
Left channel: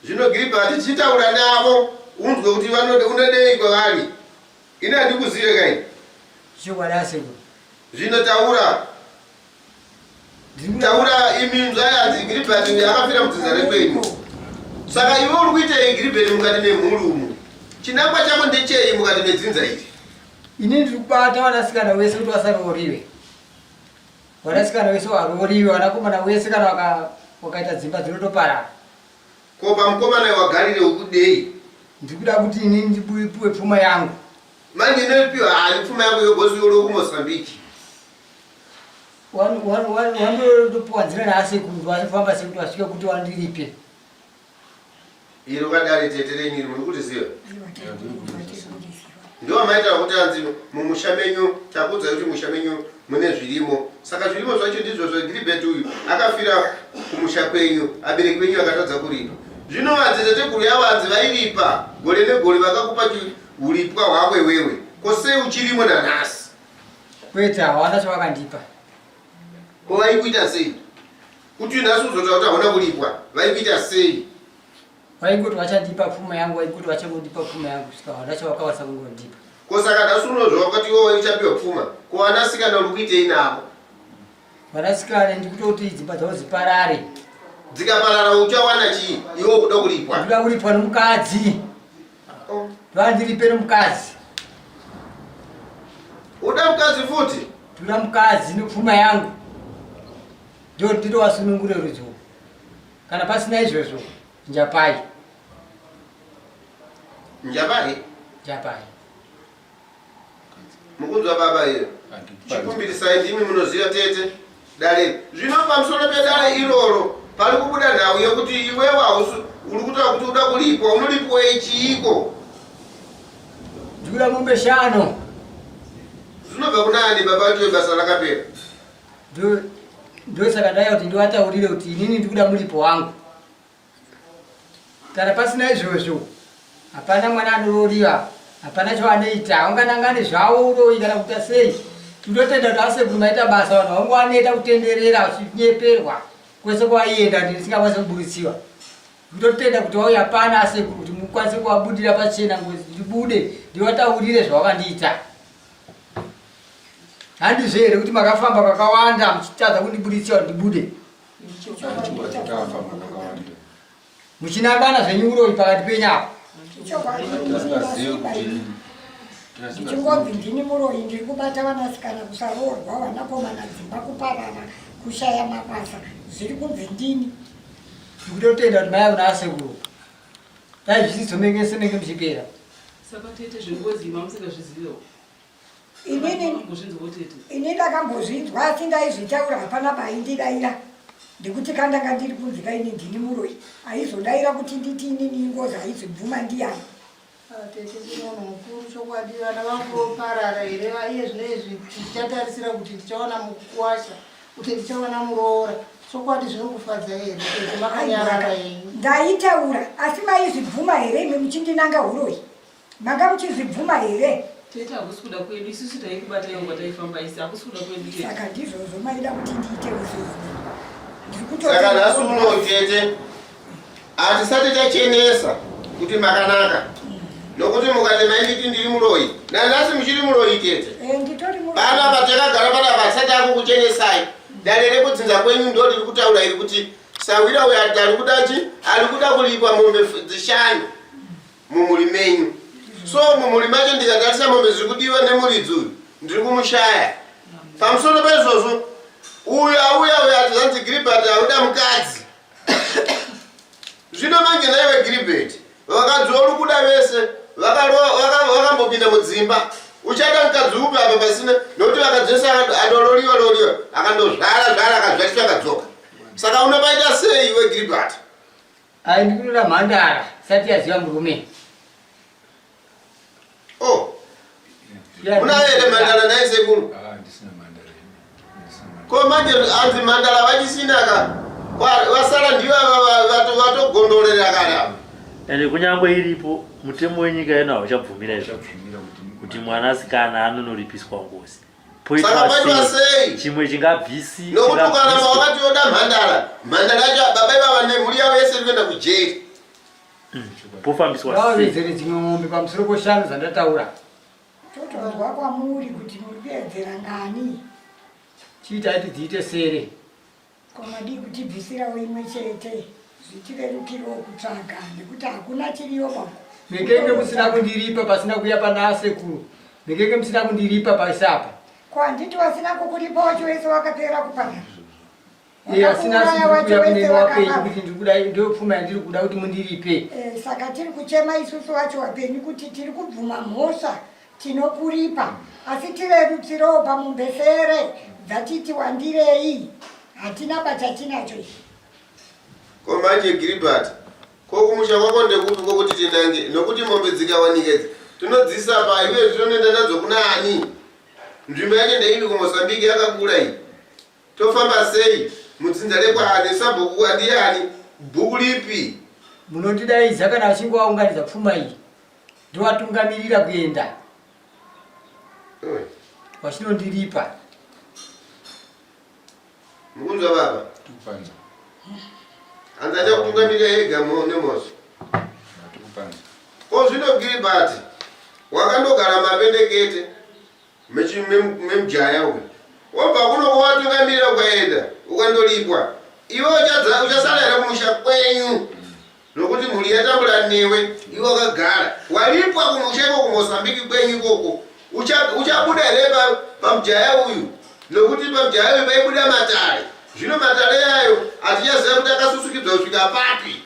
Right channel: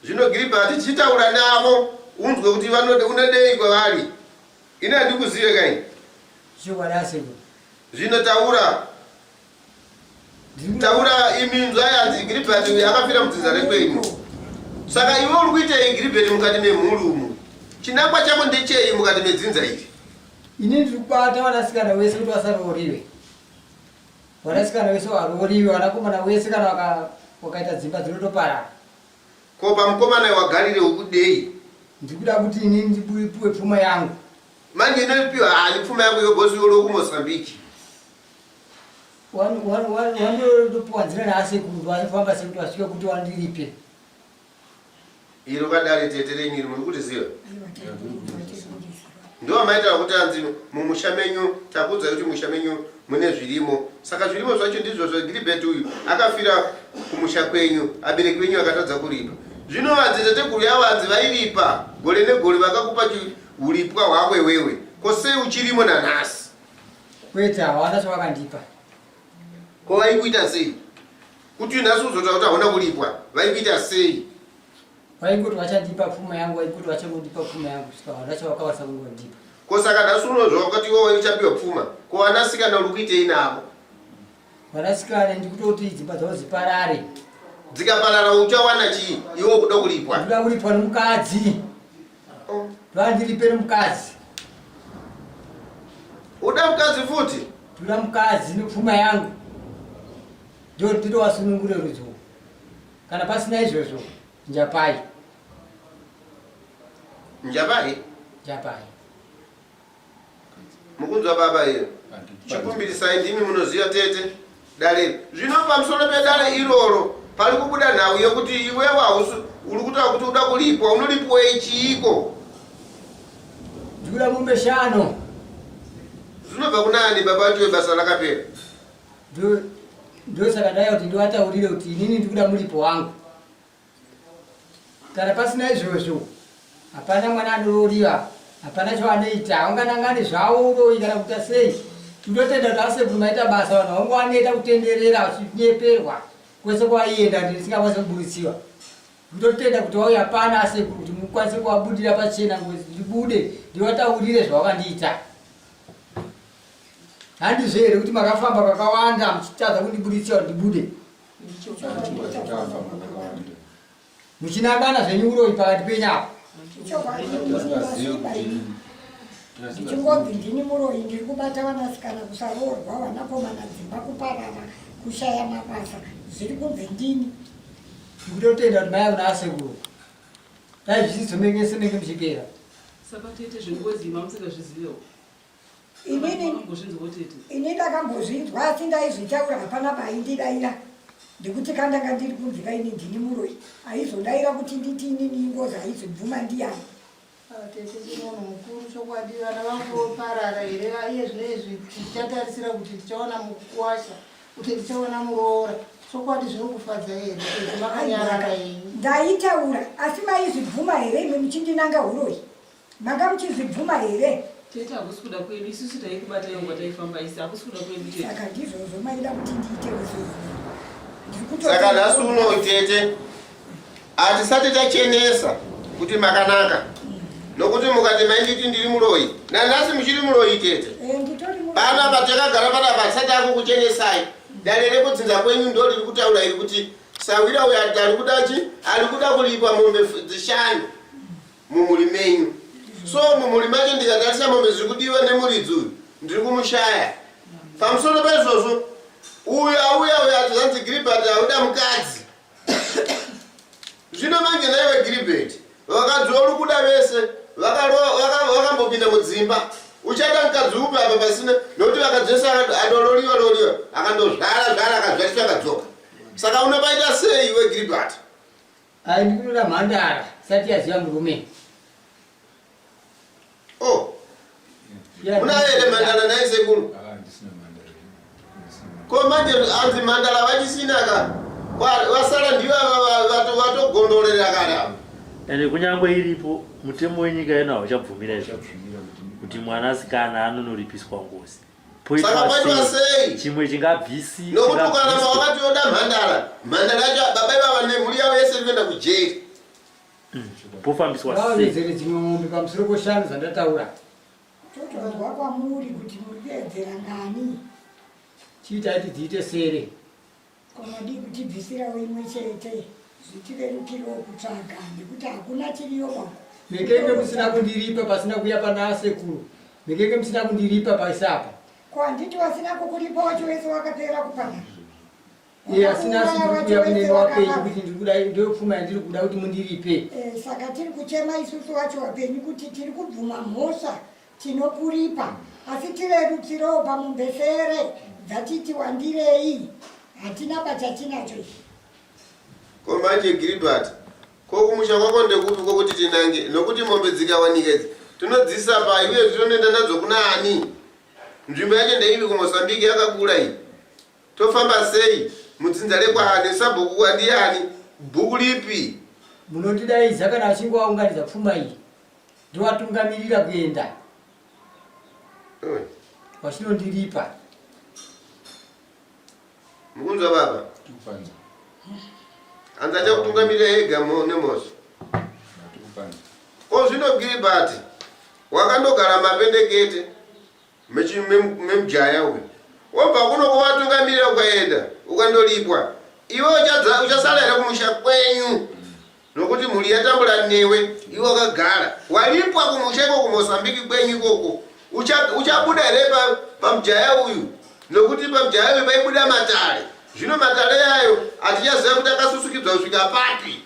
Zvino Gilbert tichitaura navo unzwe kuti unodei kwavari. Ine handikuzive kai. Chokwadi. Zvino taura imi nzvayanzi Gilbert akafira mudzinza rekwenyu. Saka iwe uri kuitei Gilbert mukati memhuri umu? Chinangwa chako ndechei mukati medzinza iri? Ini ndiri kubata vanasikana vese kuti vasarooriwe. Vanasikana vese varooriwe, vanakomana vese kana wakaita dzimba dzinotoparara. Ko pamukomana wagarire ukudei? Ndiri kuda kuti ini ndipuwe pfuma yangu. Manje inopiwa hali pfuma yangu yogosi yolo kuMozambique. Wandotopuwa nzira naasekuru vafamba sekuti vasvike kuti wandiripe. Iro kadare tete renyu iri muri kutiziva? Ndiwo maita kuti anzi mumusha menyu takudza kuti musha menyu mune zvirimo. Saka zvirimo zvacho ndizvo Gilbert uyu akafira kumusha kwenyu, abereki wenyu akatadza kuripa. Zvino madzitateguru yavanzi vairipa gore negore vakakupa uripwa hwako iwewe. Kosei uchirimo nanhasi? Kwete hawana chavakandipa. Ko vaikuita sei? Kuti nhasi uzotaura kuti hauna kuripwa, vaikuita sei? Vaingoti vachandipa pfuma yangu, vaingoti vachangondipa pfuma yangu, saka hawana chavakavasa kungondipa. Ko saka nhasi unozva wakati iwewe uchapiwa pfuma, ko vanasikana uri kuitei navo? Vanasikana ndikutoti dzimba dzavo dziparare. Dzikaparara uchawana chii? Iwe kuda kuripwa? Ndoda kuripwa nomukadzi. Vandiripe nomukadzi. Uda mukadzi futi? Ndoda mukadzi nepfuma yangu. Ndio nditowasunungure rudziwo. Kana pasina izvozvo njapai. Njapai? Njapai. Mukunzwa baba iyo? Chikumbirisai ndimi munoziva tete dare. Zvino pamusoro pedare iroro pari kubuda nhau yekuti iwewe hausi uri kutaura kuti uda kuripwa, unoripwei chiiko? Ndikuda mombe 5. Zvinobva kunani baba kuti basa rakapera? Ndio saka ndaya kuti ndiwataurire kuti inini ndikuda muripo wangu. Kana pasina izvozvo hapana mwana anorooriwa, hapana chavanoita. Unganangane zvavo uroyi kana kuita sei. Tindotenda kuti asekuru maita basa vanhu vangu vanoita kutenderera vachinyeperwa kwese kwaienda ndisingakwanisi kubudisiwa. Ndotenda kuti wauya pana asekuru kuti mukwanise kuvabudira pachena ngozi ndibude ndiwataurire zvavakandiita. Handizvo here kuti makafamba kakawanda muchitadza kundibudisa ndibude. Muchinangana zvenyu uroyi pakati penyu apo. ndichingonzi ndini muroyi ndiri kubata vanasikana kusaroorwa vanakomana dzimba kuparara kushaya mabasa zviri kunzi ndini ndikutotenda kuti mai una asekuru dai zvisizomengese-menge muchipera saka tete zvinongozima musingazvizivewo ini ndakambozvinzwa asi ndaizvitaura hapana paindidaira ndikuti kandanga ndiri kunzi kaini ndini muroyi aizodaira kuti nditi inini ingozi aizobvuma ndiyani tete ndinono mukuru chokwadi vana vangoparara here iye zvinezvi tichatarisira kuti tichaona mukuwasha kuti tichaona muroora chokwadi zvinokufadza here makanyarara henyu ndaitaura asi maizvibvuma here ime muchindinanga uroyi manga muchizvibvuma here tete hakusi kuda kwedu isusu taikubatai ngwa taifamba isi hakusi kuda kwedu tete saka ndizvozvo maida kuti ndiite saka nhasi uno tete hatisati tachenesa kuti makanaka nokuti mukati mainditi ndiri muroyi nanhasi muchiri muroyi tete pana patakagara pana pasati akukuchenesai dare rekudzinza kwenyu ndo riri kutaura iri kuti sawira uyo ari kudachi ari kuda kulipa mombe dzishanu mumuri menyu so mumuri macho ndikatarisa mombe ziri kudiwa nemuridzi uyu ndiri kumushaya pamusoro paizvozvo uyu auya atizanzi Gilbert auda mukadzi zvino mange naiwe Gilbert vakadzi uri kuda vese vakambopinda mudzimba uchada mukadzi upi apa pasina nokuti vakadzi vese andoloriwa akandozvara akazvariswa akadzoka saka unopaita sei iwe Gilbert ai ndikunora mhandara sati yaziva murume una here mhandara naisekuru ko manje anzi mhandara vachisinaka vasara ndivo vatogondorera kare avo ende kunyangwe iripo mutemo wenyika yenu hauchabvumira izvo kuti mwanasikana anonoripiswa ngozi poitwa sei chimwe chingabvisi nokuti ukaramba wakati oda mhandara yacho baba ivava nemhuri yavo yese iri kuenda kujeri pofambiswa vezere dzimwe mombe pamusoro poshanu zvandataura totonzwa kwamuri kuti muri kuedzera ngani chiitaiti dziite sere komadi kutibvisirawo imwe chete zvitirerukirawo kutsvaga nekuti hakuna chiriyo bako mekenge musina kundiripa pasina kuya pana asekuru mekenge musina kundiripa paisapa ko handiti wasina kukuripa wacho wese wakapera kupanara asina sikuya kunenge wapenyu kuti ndirikuda ndopfuma yandiri kuda kuti mundiripe saka tiri kuchema isusu wacho wapenyu kuti tiri kubvuma mhosva tinokuripa asi tirerutsirowo pamumbesere dzatiti wandirei hatina pachatinacho ichi ko manje Gilbert ko kumusha kwako ndekupi kokuti tinange nokuti mombe dzikawanika idzi tinodzisa pa iwe zvinoenda nadzo kuna ani nzvimbo yacho ndeivi kuMozambique yakakura iyi tofamba sei mudzinza rekwaani sabhuku andiyani bhuku lipi munotidaidza kana achinge waunganidza pfuma iyi ndowatungamirira kuenda wachinondiripa mukunzwa baba anzacha kutungamirira ega nemozvo ko zvino Gilbert wakandogara mapendekete memujaya uyu wobva kuno kwawatungamirira ukaenda ukandolipwa iwe uchasala here kumusha kwenyu nokuti mhuri yatambura newe iwe wakagara walipwa kumusha iko kuMozambique kwenyu ikoko uchabuda here pamujaya uyu nokuti pamujaya uyu paibuda matare zvino matare yayo hatichaziva kuti akasusukidzwa kusvika papi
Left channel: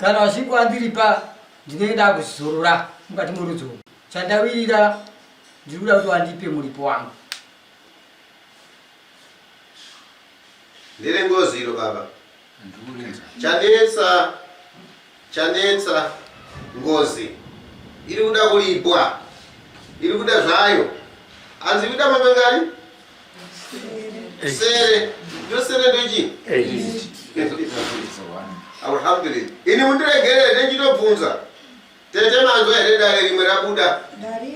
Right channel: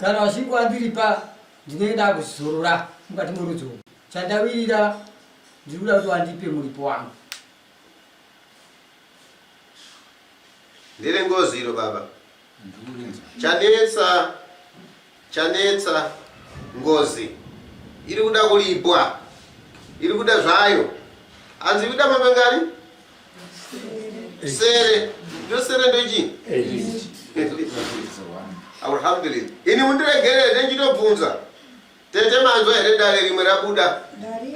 kana wachinge wandiripa ndinenge ndakuzorora mukati morudzo chandawirira ndiri kuda kuti wandipe muripo wangu ndiri ngoziro baba chanetsa ngozi iri kuda kulipwa iri kuda zvayo hanzi kuda mapengani sere ndosere ndochini alhamdulillah ini mundiregere ndenchitobvunza tete manzwa here dare rimwe rabuda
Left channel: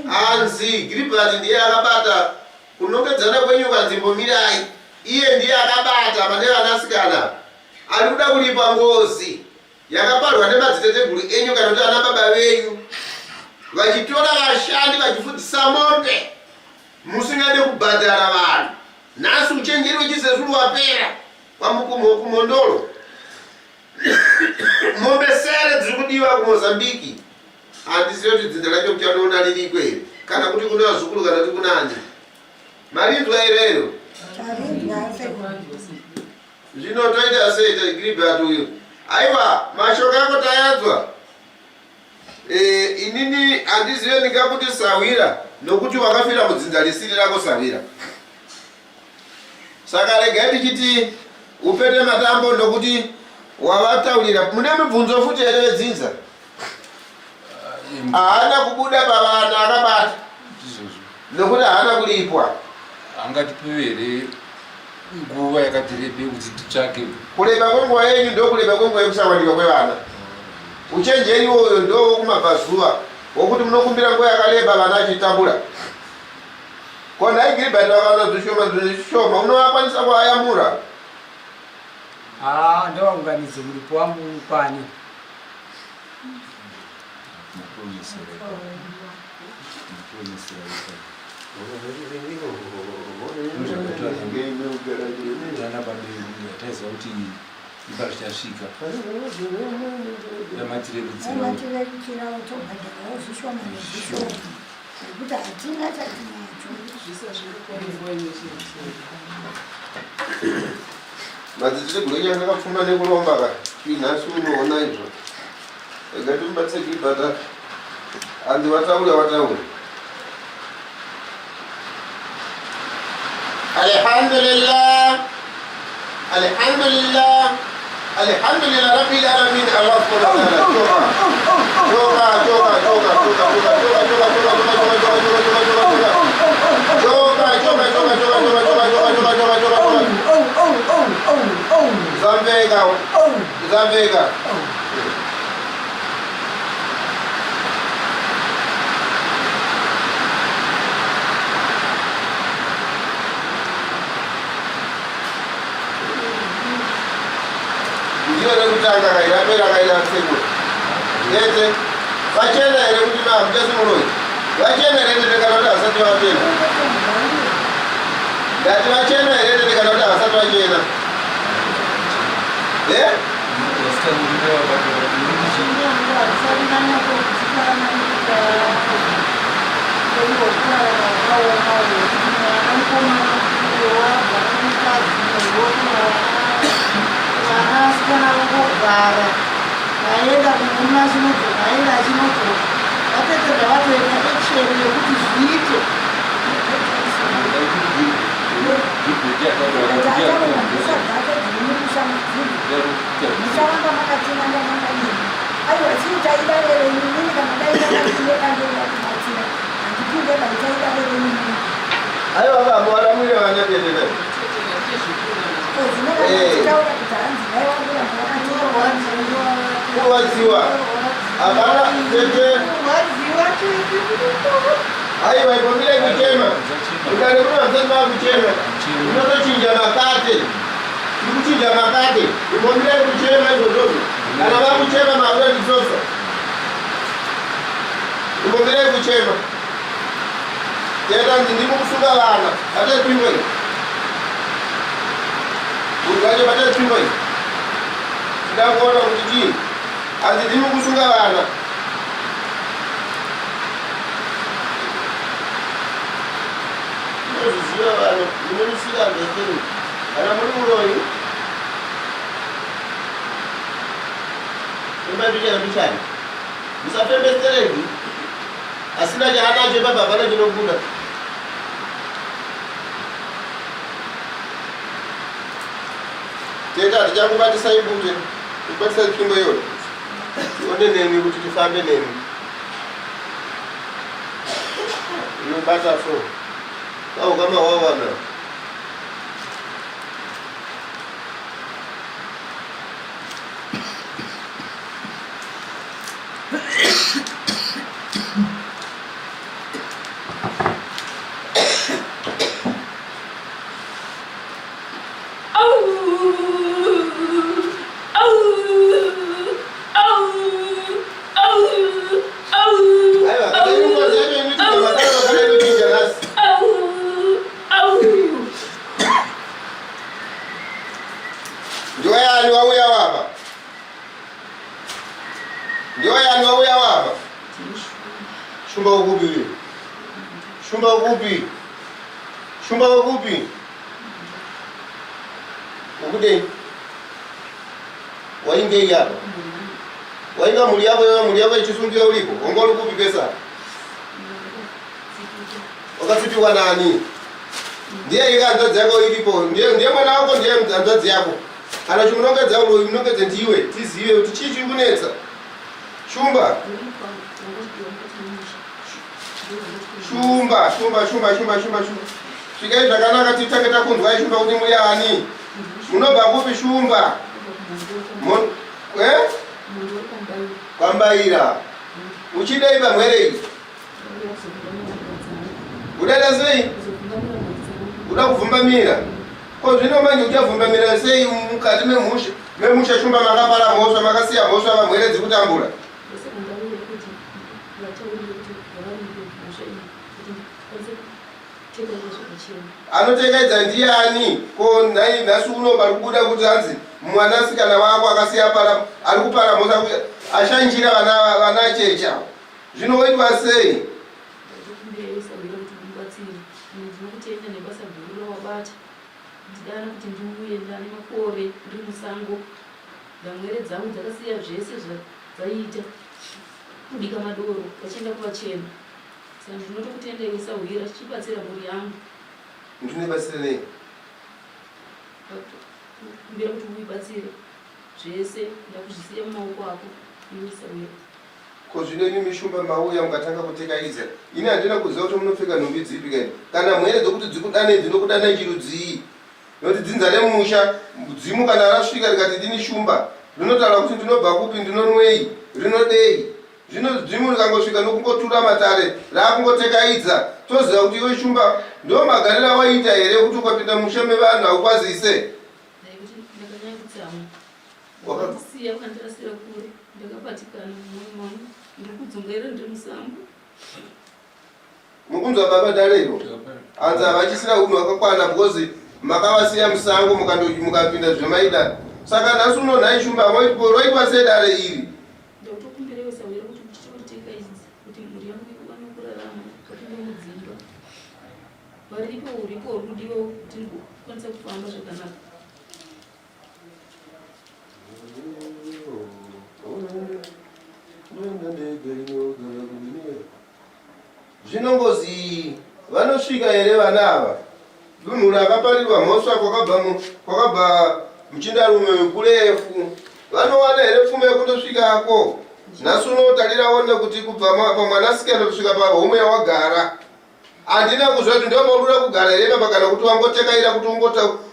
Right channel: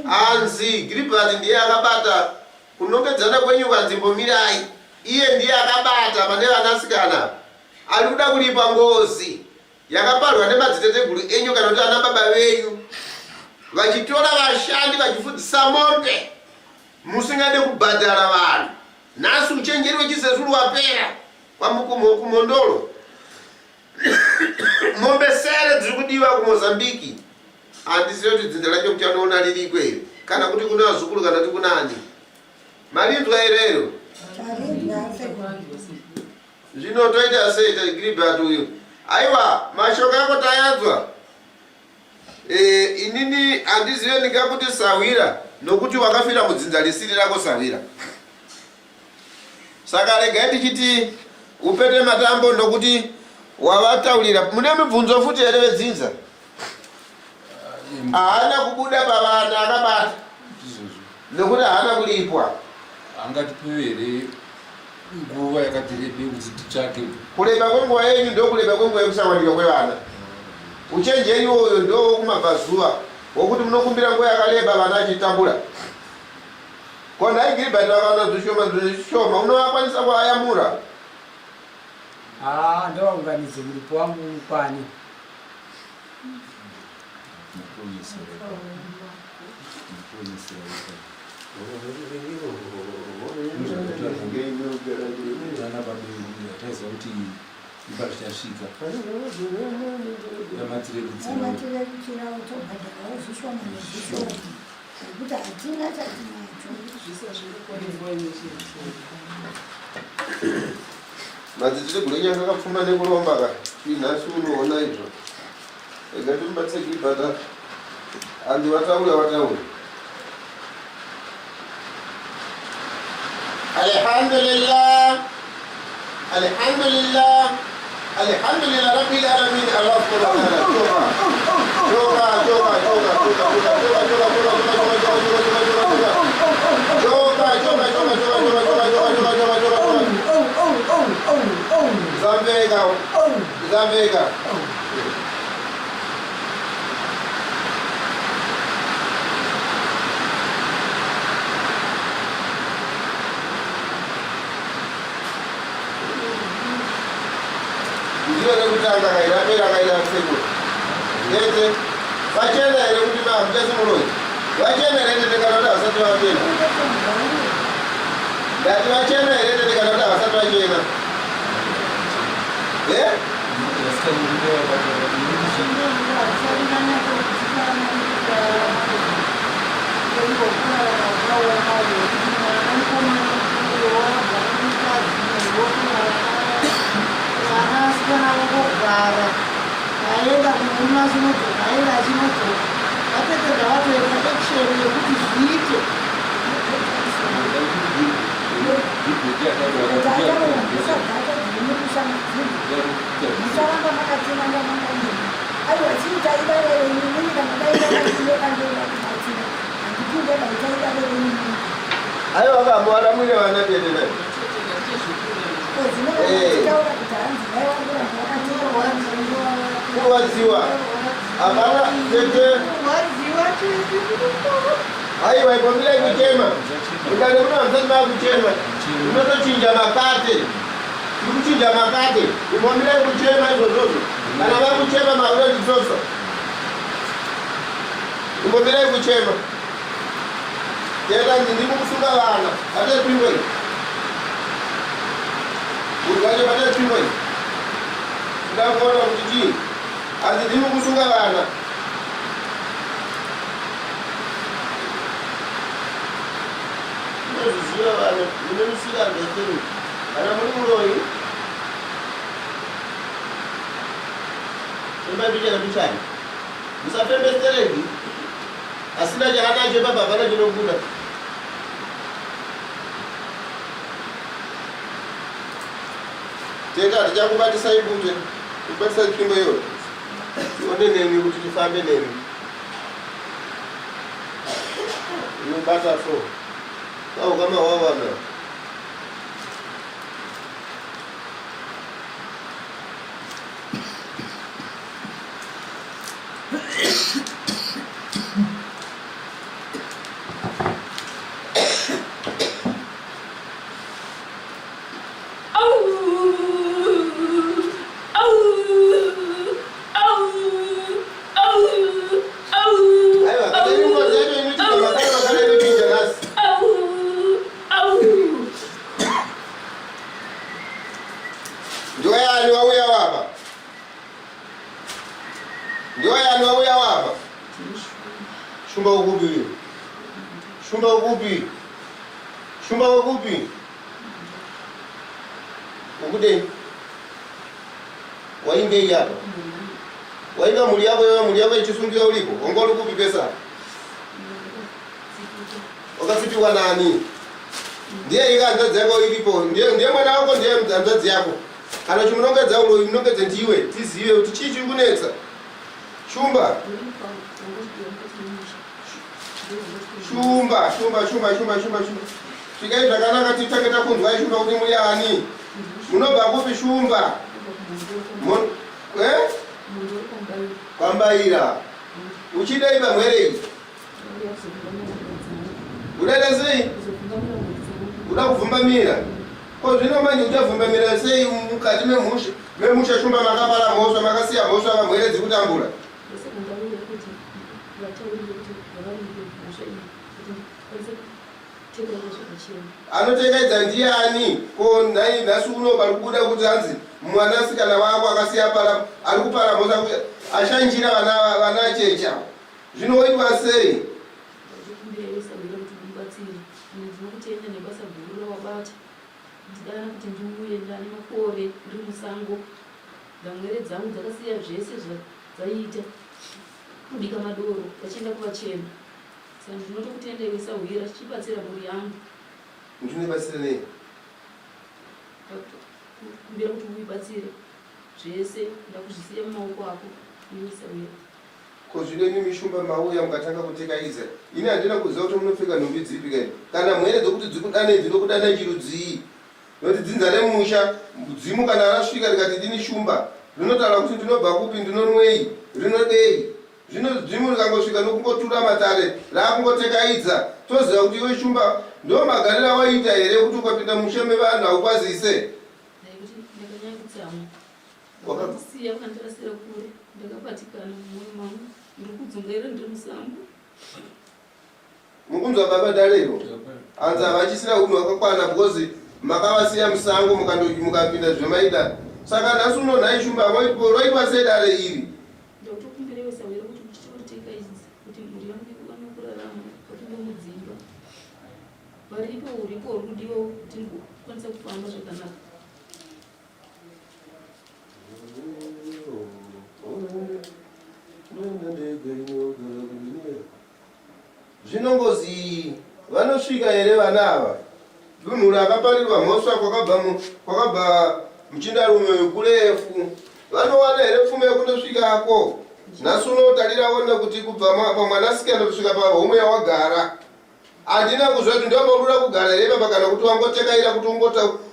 hanzi Gilbert ndiye akabata kunongedzana kwenyu kanzimbomirai iye ndiye akabata pane vanasikana ari kuda kulipa ngozi yakaparwa nemadziteteguru enyu kana kuti ana baba venyu vachitora vashandi vachifudzisa mombe musingade kubhadhara vanhu nhasi uchenjeri wechisezuru wapera kumondolo mombe sere dziri kudiwa kuMozambique Andisiyo kuti dzinza lacho mchanoona liriko ere kana kuti kuna azukulu kana kuti kuna ani marindwa ireyo zvino toita sei Gilbert uyu aiwa mashoko yako tayanzwa inini handizive ndingakuti Sawira nokuti wakafira mudzinza lisiri rako Sawira saka regai tichiti upete matambo nokuti wavataurira mune mibvunzo futi ere vedzinza haana kubuda pavana akabata nokuti haana kulipwa angatipiwe here nguva yakati rebe kuti titsvake kureba kwenguva yenyu ndo kureba kwenguva yekusawanika kwevana uchenjeri iwoyo ndo kumabvazuva wokuti munokumbira nguva yakareba vana achitambura konai Gilbert vakaona zvishoma unovakwanisa kuayamura ndovaunganidze muripo wangu kwani taiziva kuti ipa richasvika yamatire kuchira utobhadharawo zvishoma nezvishoma nekuti hatina chatinacho madzitiri gulenyanga akapfuma nekuromba ka inhasi unoona izvo ega timbatse Gilbert handi vataura alhamdulillah rabbil alamin Allah Zambega ndiyo rekutanga kairapera kairapseko ete vachena here kuti mahamujasi munoi vachena here tetekana kuti hasati vachena ndati vachena here tetekana kuti hasati vachena vanasikana vangogara vaenda kumuna chinotoka aenda achinotoka vapedzera vatoenda eksheni yekuti zviite ndichavamba makatenanga mangadini aiwa chiitaida verenyinini kana daidaaailekandeida kumatsina handipinde daitaida verenyinini aiwa vamboara mwire vana dedena kuwadziwa hapana tete aiwa ipombile kuchema ukane kuna msani maa kuchema unotochinja makate ikuchinja makate ipombile kuchema izvozozo kana vakuchema maura nditosa ipombile kuchema teta ndikukusunga vana atepingwe Ugaje bata chimbo hii. Ndakuona kuti chii. Azidini kusunga vana. Ndoziva vana, munomusika ndekeni. Kana muri uroi. Imba ndichani. Musapembestereki. Asina chahanacho baba vana chinobuda. Teta tichakubatisa ibute kubatisa tsvimbo iyoyo tione nemi kuti tifambe nemi inobata so kaukamawavana Shumba ukupi? Shumba ukupi? Shumba ukupi? Ukude. Wainge hapa. Wainga muli yako ichisungia ulipo. Ongolo kupi pesa. Wakasipiwa nani? Ndiye ikanza yako ilipo. Ndiye mwana wako ndiye mzanzazi yako. Kana chimunongedza ulo imunongedze ndiwe tizive kuti chichi kunetsa. Shumba. Shumba. Chikai zvakanaka titaketa kunzwa Shumba kuti muri ani. Munobva kupi Shumba? Kwambaira. Uchidai pamwere iyi. Udaida sei? Uda kuvhumbamira. Ko zvino manje uchavhumbamira sei mukati memusha Shumba makapara mhosva makasiya mhosva pamwere dzikutambura? Anotekedza ndiani? Ko nhasi uno pari kubuda kuti hanzi mwanasikana wako akasiya para ari kupara mhosva ashanjira vana checha. Zvinoitwa sei? Ndidana kuti ndiuye ndane makore ndiri musango ndamwere dzangu dzakasiya zvese zvaita kubika madoro vachienda kuvachena saka ndinotokutenderesa uhira chichibatsira mhuri yangu. Ndinobatsira nei? Kumbira kuti uibatsire zvese ndakuzvisiya mumaoko ako uisa uhira. Ko zvino imi Shumba mauya mukatanga kutekaidza. Ini handina kuziva kuti munopfeka nhumbi dzipi kani. Kana mwere dzokuti dzikudane dzinokudana chirudzii. Nokuti dzinzane musha dzimu kana rasvika rikati dini Shumba rinotaura kuti ndinobva kupi ndinonwei rinodei. Zvino dzimu rikangosvika nokungotura matare raakungotekaidza toziva kuti iwe Shumba ndo magarira waita here kuti ukapinda musha mevanhu haukwazise. Ndaikuti ndakanyangutsamwa wakasiya ukandirasira kure ndakabatikana mumwoyo mangu ndiri kudzungaira ndiri musango. Mukunzwa baba darero hanzi havachisina unhu hwakakwana because makavasiya musango mukapinda zvemaida. Saka nhasi uno nhai Shumba roitwa sedare iri. Ndakutokumbirewesa wera kuti muchitorotekaidza kuti mhuri yangu ikwane kurarama kapinda mudzimba varipo uripo uri kudiwa kuti ndikwanisa kufamba zvakanaka. Zvinongozi vanosvika here vana ava? Dunhu rakaparirwa mhosva kwakabva muchindarume kurefu vanowana here pfuma yekundosvikako? Nhasi unotarirawo kuti kubva pamwanasikana kusvika pahome yawagara. Handina kuzva kuti ndomaurura kugara here baba kana kuti wangotekaira kuti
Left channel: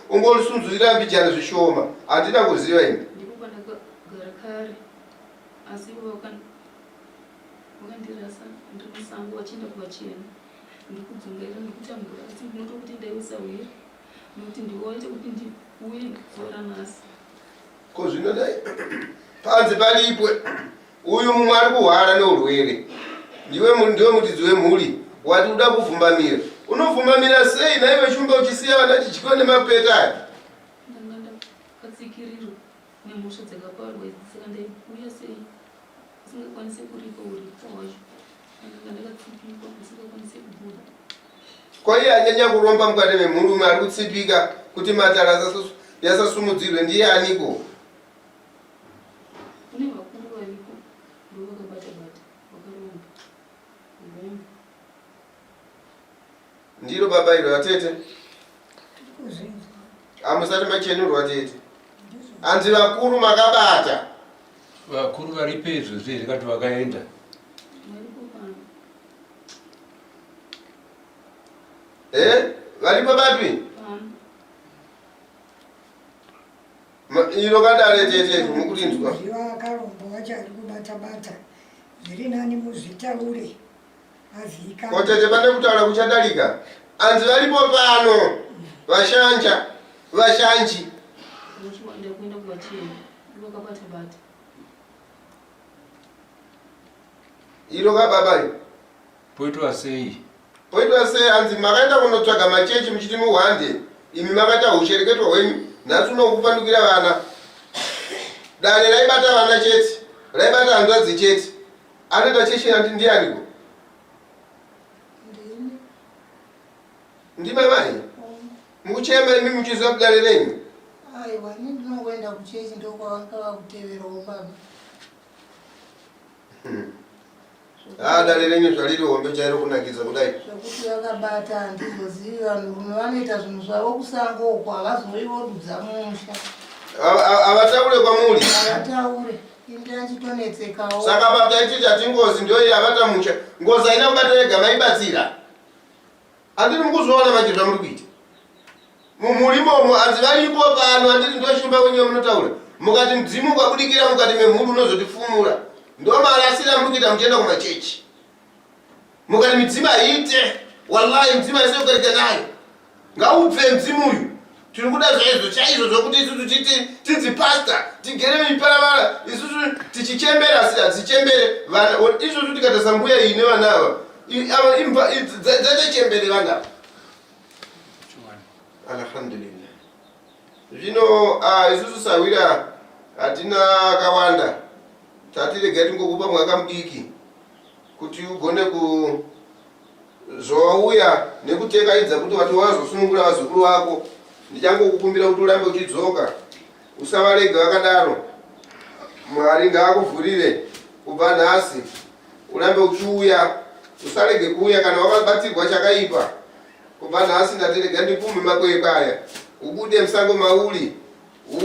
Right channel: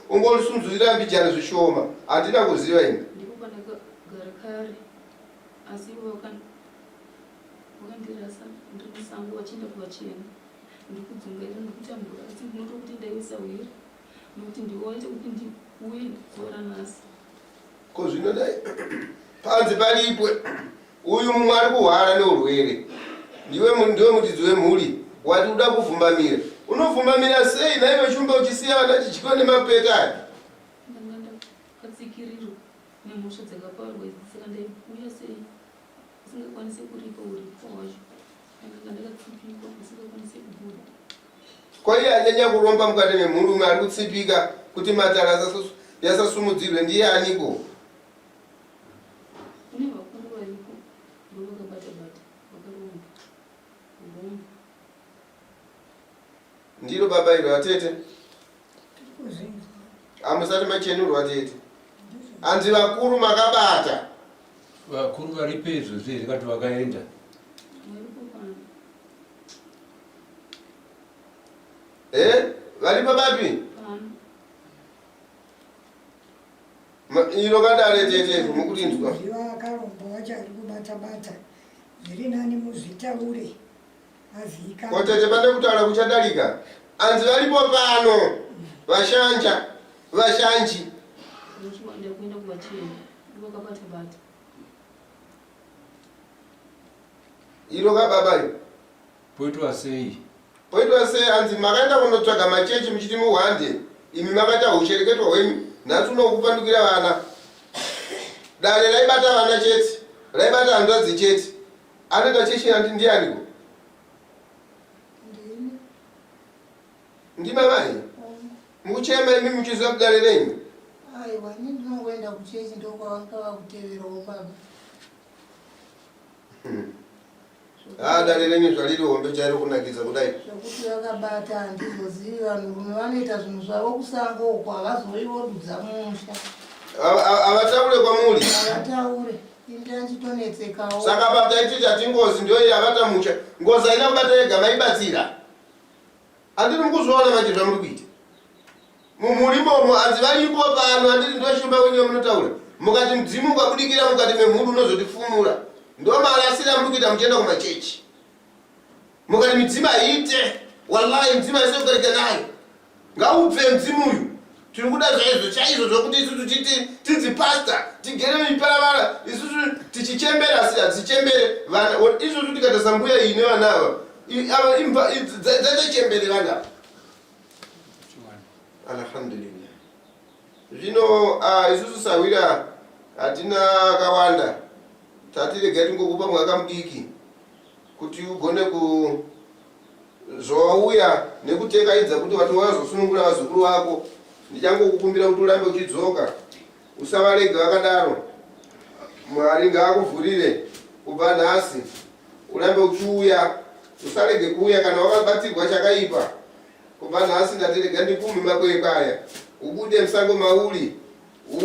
ungolisunzurira mbijana zvishoma. Handina kuziva ini. Ndipo pandakagara kare asi wakandirasa ndiri musango vachienda kuvachena ndiri kudzungaira ndikutambura asi ndinotokuti ndaisa uhira nokuti ndiwaite kuti ndiuye zuva ranhasi. Ko zvinodai panze palipwe uyu mumwe ari kuhwara neurwere ndiwe mutidzi wemhuri wati uda kuvhumbamira. Unovhumbamira sei naiwe Shumba uchisiya vana chidyiwa nemapeta aya? Ndanga ndakatsikirirwa nemhosva dzakaparwa idzi saka ndaiuya sei isingakwanisi kuripa uripo wacho ndanga ndakatsipikwa isingakwanisi kubuda. Kwa iye anyanya kuromba mukati memhuri umwe ari kutsipika kuti matara yasasumudzirwe ndiye aniko? Kune vakuru varipo ndo vakabata-bata vakaromba kuromba. Ndiro baba iro atete? Hamusati machenurwa tete? Hanzi vakuru makabata? Vakuru vari pedyo zviri kati vakaenda. Varipo papi? Iro kadare tete mukurinzwa. Ziva akaromba wacho ari kubata-bata zviri nani muzvitaure azika. Kotete pane kutaura kuchadarika. Hanzi varipo pano vashanji. Ndakuenda kuvachena ndivakabata-bata. Iro kababa iro? Poitwa sei? Poitwa sei hanzi makaenda kunotsvaga machechi muchiti muhwande. Imi makaita ushereketwa hwenyu. Nhasi unokupandukira vana. Dare raibata vana chete. Raibata hanzvadzi chete. Anaenda chechi anti ndiani ko? Ndima mai. Mukuchema mimi mchizo kudalerenyi. Aiwa, ndinoenda kuchechi ndokwanga kuteverawo baba. Dalerenyi zvaliri hombe chairo kunakiza kudai. Zvokuti vakabata handizoziva vanhurume vanoita zvinhu zvavo kusango uko havazoivodudza musha. Avataure kwamuri. Avataure. Inde achitonetsekawo. Saka pataiti chati ngozi ndio yavata musha. Ngozi haina kubata yega maibatsira. Andiri mukuzoona manje zvamuri kuita. Mumurimomo anzi varipo pano andiri ndio shumba wenyu munotaura. Mukati mdzimu kwakudikira mukati memhuru unozotifumura. Ndo marasira mukita mchenda kumachechi. Mukati midzima ite. Wallahi mdzima ise kukarika nayo. Ngaubve mdzimu uyu. Tiri kuda zvezo chaizo zvokuti isusu tidzi pastor tigere miparavara isusu tichichembera tichembere vana isusu tikatasa mbuya ine vana ava imba dzachembere vana. Alhamdulillah. Zvino isusu sawira hatina kawanda. Tatirega tingokupa mwaka mudiki kuti ugone kuzouya nekutekaidza kuti wati wazosunungura vazukuru vako. Ndichangokukumbira kuti urambe uchidzoka. Usavarega vakadaro. Mwari ngaakuvhurire kubva nhasi. Urambe uchiuya. Usarege kuuya kana wakabatirwa chakaipa. Kubva nhasi ndatirega ndikume makwekwaya. Ubude musango mauri.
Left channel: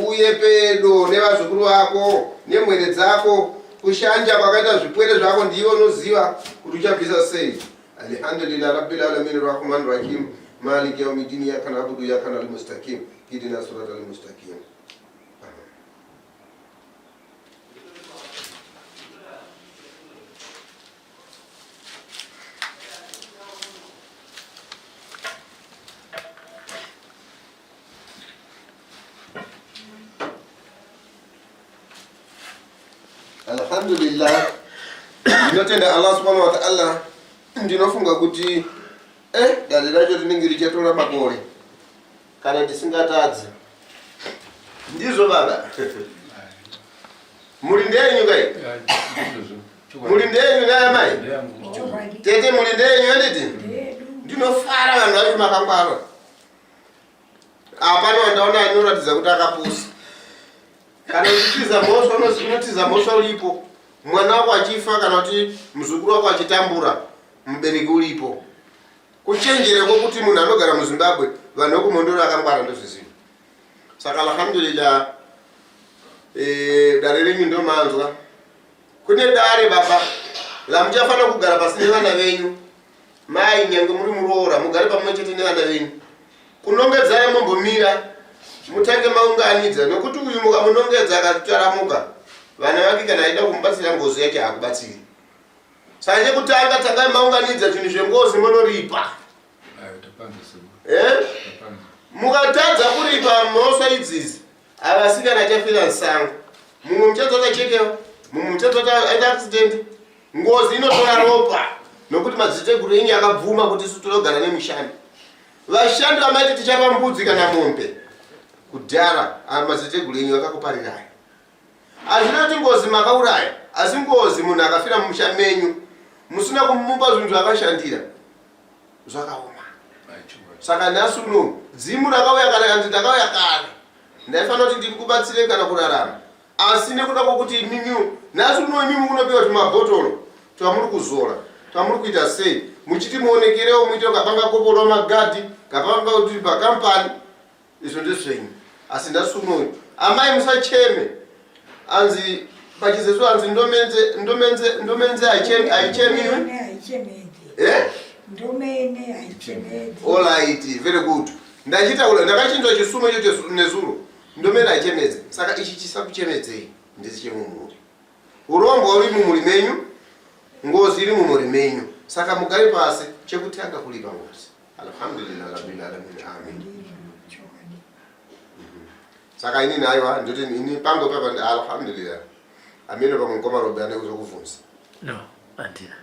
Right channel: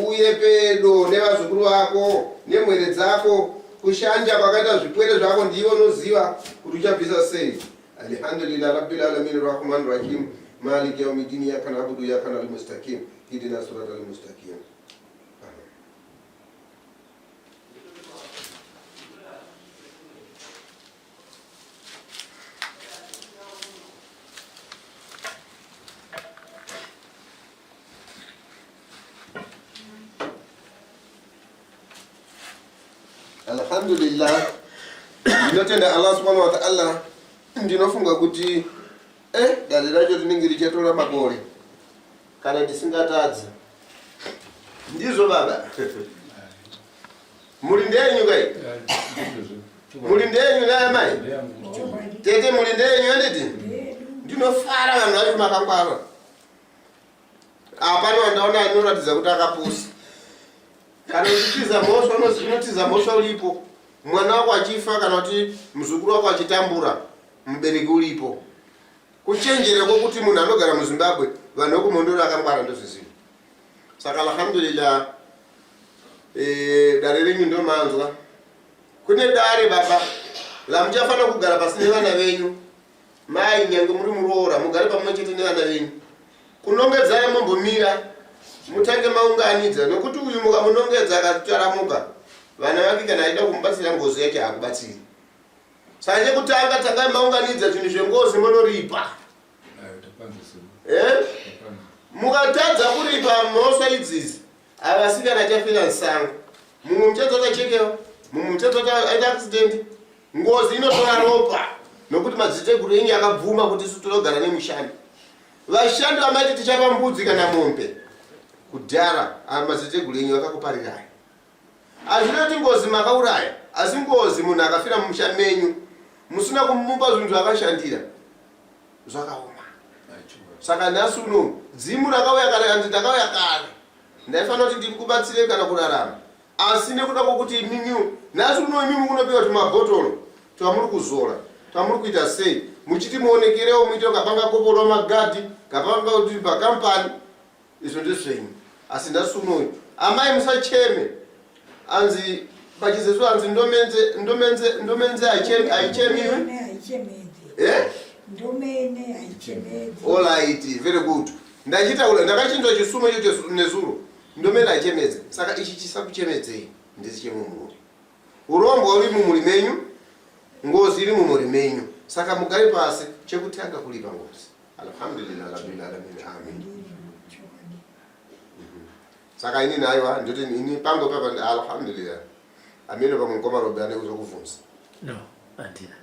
Uye pedo nevazukuru vako nemwere dzako. Kushanja kwakaita zvipwere zvako ndiwe unoziva kuti uchabvisa sei. Alhamdulillah rabbil alamin arrahmanir rahim. مالك يوم الدين إياك نعبد وإياك نستعين اهدنا الصراط المستقيم. Alhamdulillah. Ndinotenda Allah subhanahu wa ta'ala. Ndinofunga kuti dali racho rinenge richatora makore kana ndisingatadzi. Ndizvo baba. Muri ndenyu kai? Muri ndenyu naye mai? Tete muri ndenyu anditi? Ndinofara vanhu vacho makangwara. Apano ndaona anoratidza kuti akapusa. Kana uchitiza mhosva unotiza mhosva ulipo. Mwana wako achifa kana kuti muzukuru wako achitambura mubereki ulipo. Kuchenjera kwokuti munhu anogara muZimbabwe vanhu vekumondoro akangwara ndozviziva. Saka alhamdulillah dare renyu ndomanzwa. Kune dare baba lamuchafanira kugara pasi nevana venyu. Mai nyange muri muroora mugare pamwe chete nevana venyu. Kunongedzai mombomira mutange maunganidza nokuti uyu mukamunongedza akataramuka vana vake kana aida kumubatsira ngozi yake hakubatsiri. Sanje kutanga tangai maunganidza zvinhu zvengozi munoripa. Mukatadza kuripa mhosva idzizi avasikana chafira sango. Mumwe muchadzoka chekewa, mumwe muchadzoka aita accident. Ngozi inotora ropa nokuti madziteguru enyu akabvuma kuti isu tinogara nemushandi. Vashandi vamaiti tichapa mbudzi kana mombe. Kudhara madziteguru enyu akakuparirai. Hazvina kuti ngozi makauraya, asi ngozi munhu akafira mumusha menyu musina kumupa zvinhu zvakashandira zvakaoma. Saka nhasi uno dzimu rakauya kare kandi ndakauya kare ndaifanira kuti ndikubatsire kana kurarama. Asi nekuda kwokuti imimi nhasi uno imimi kunopiwa tumabhotoro twamuri kuzora twamuri kuita sei muchiti muonekerewo muite kapanga koporwa magadhi kapanga kuti pakampani izvo ndezvenyu. Asi nhasi uno amai musacheme anzi pachizesu anzi ndomenze haichemiwe. Ndomene haichemedzi. Alright, very good. Ndachitaura ndakachinzwa chisumo icho nezuro. Ndomene haichemedzi. Saka ichi chisakuchemedzei ndisi chemumuri. Urombo uri mumuri menyu, ngozi iri mumuri menyu. Saka mugare pasi chekutanga kulipa ngozi. Alhamdulillah rabbil alamin. Amen. Saka ini nayo ndoti ini pango papa alhamdulillah. Amino pamukoma robane kuzokuvunza. No, andina.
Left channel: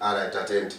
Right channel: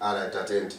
Alright, attend.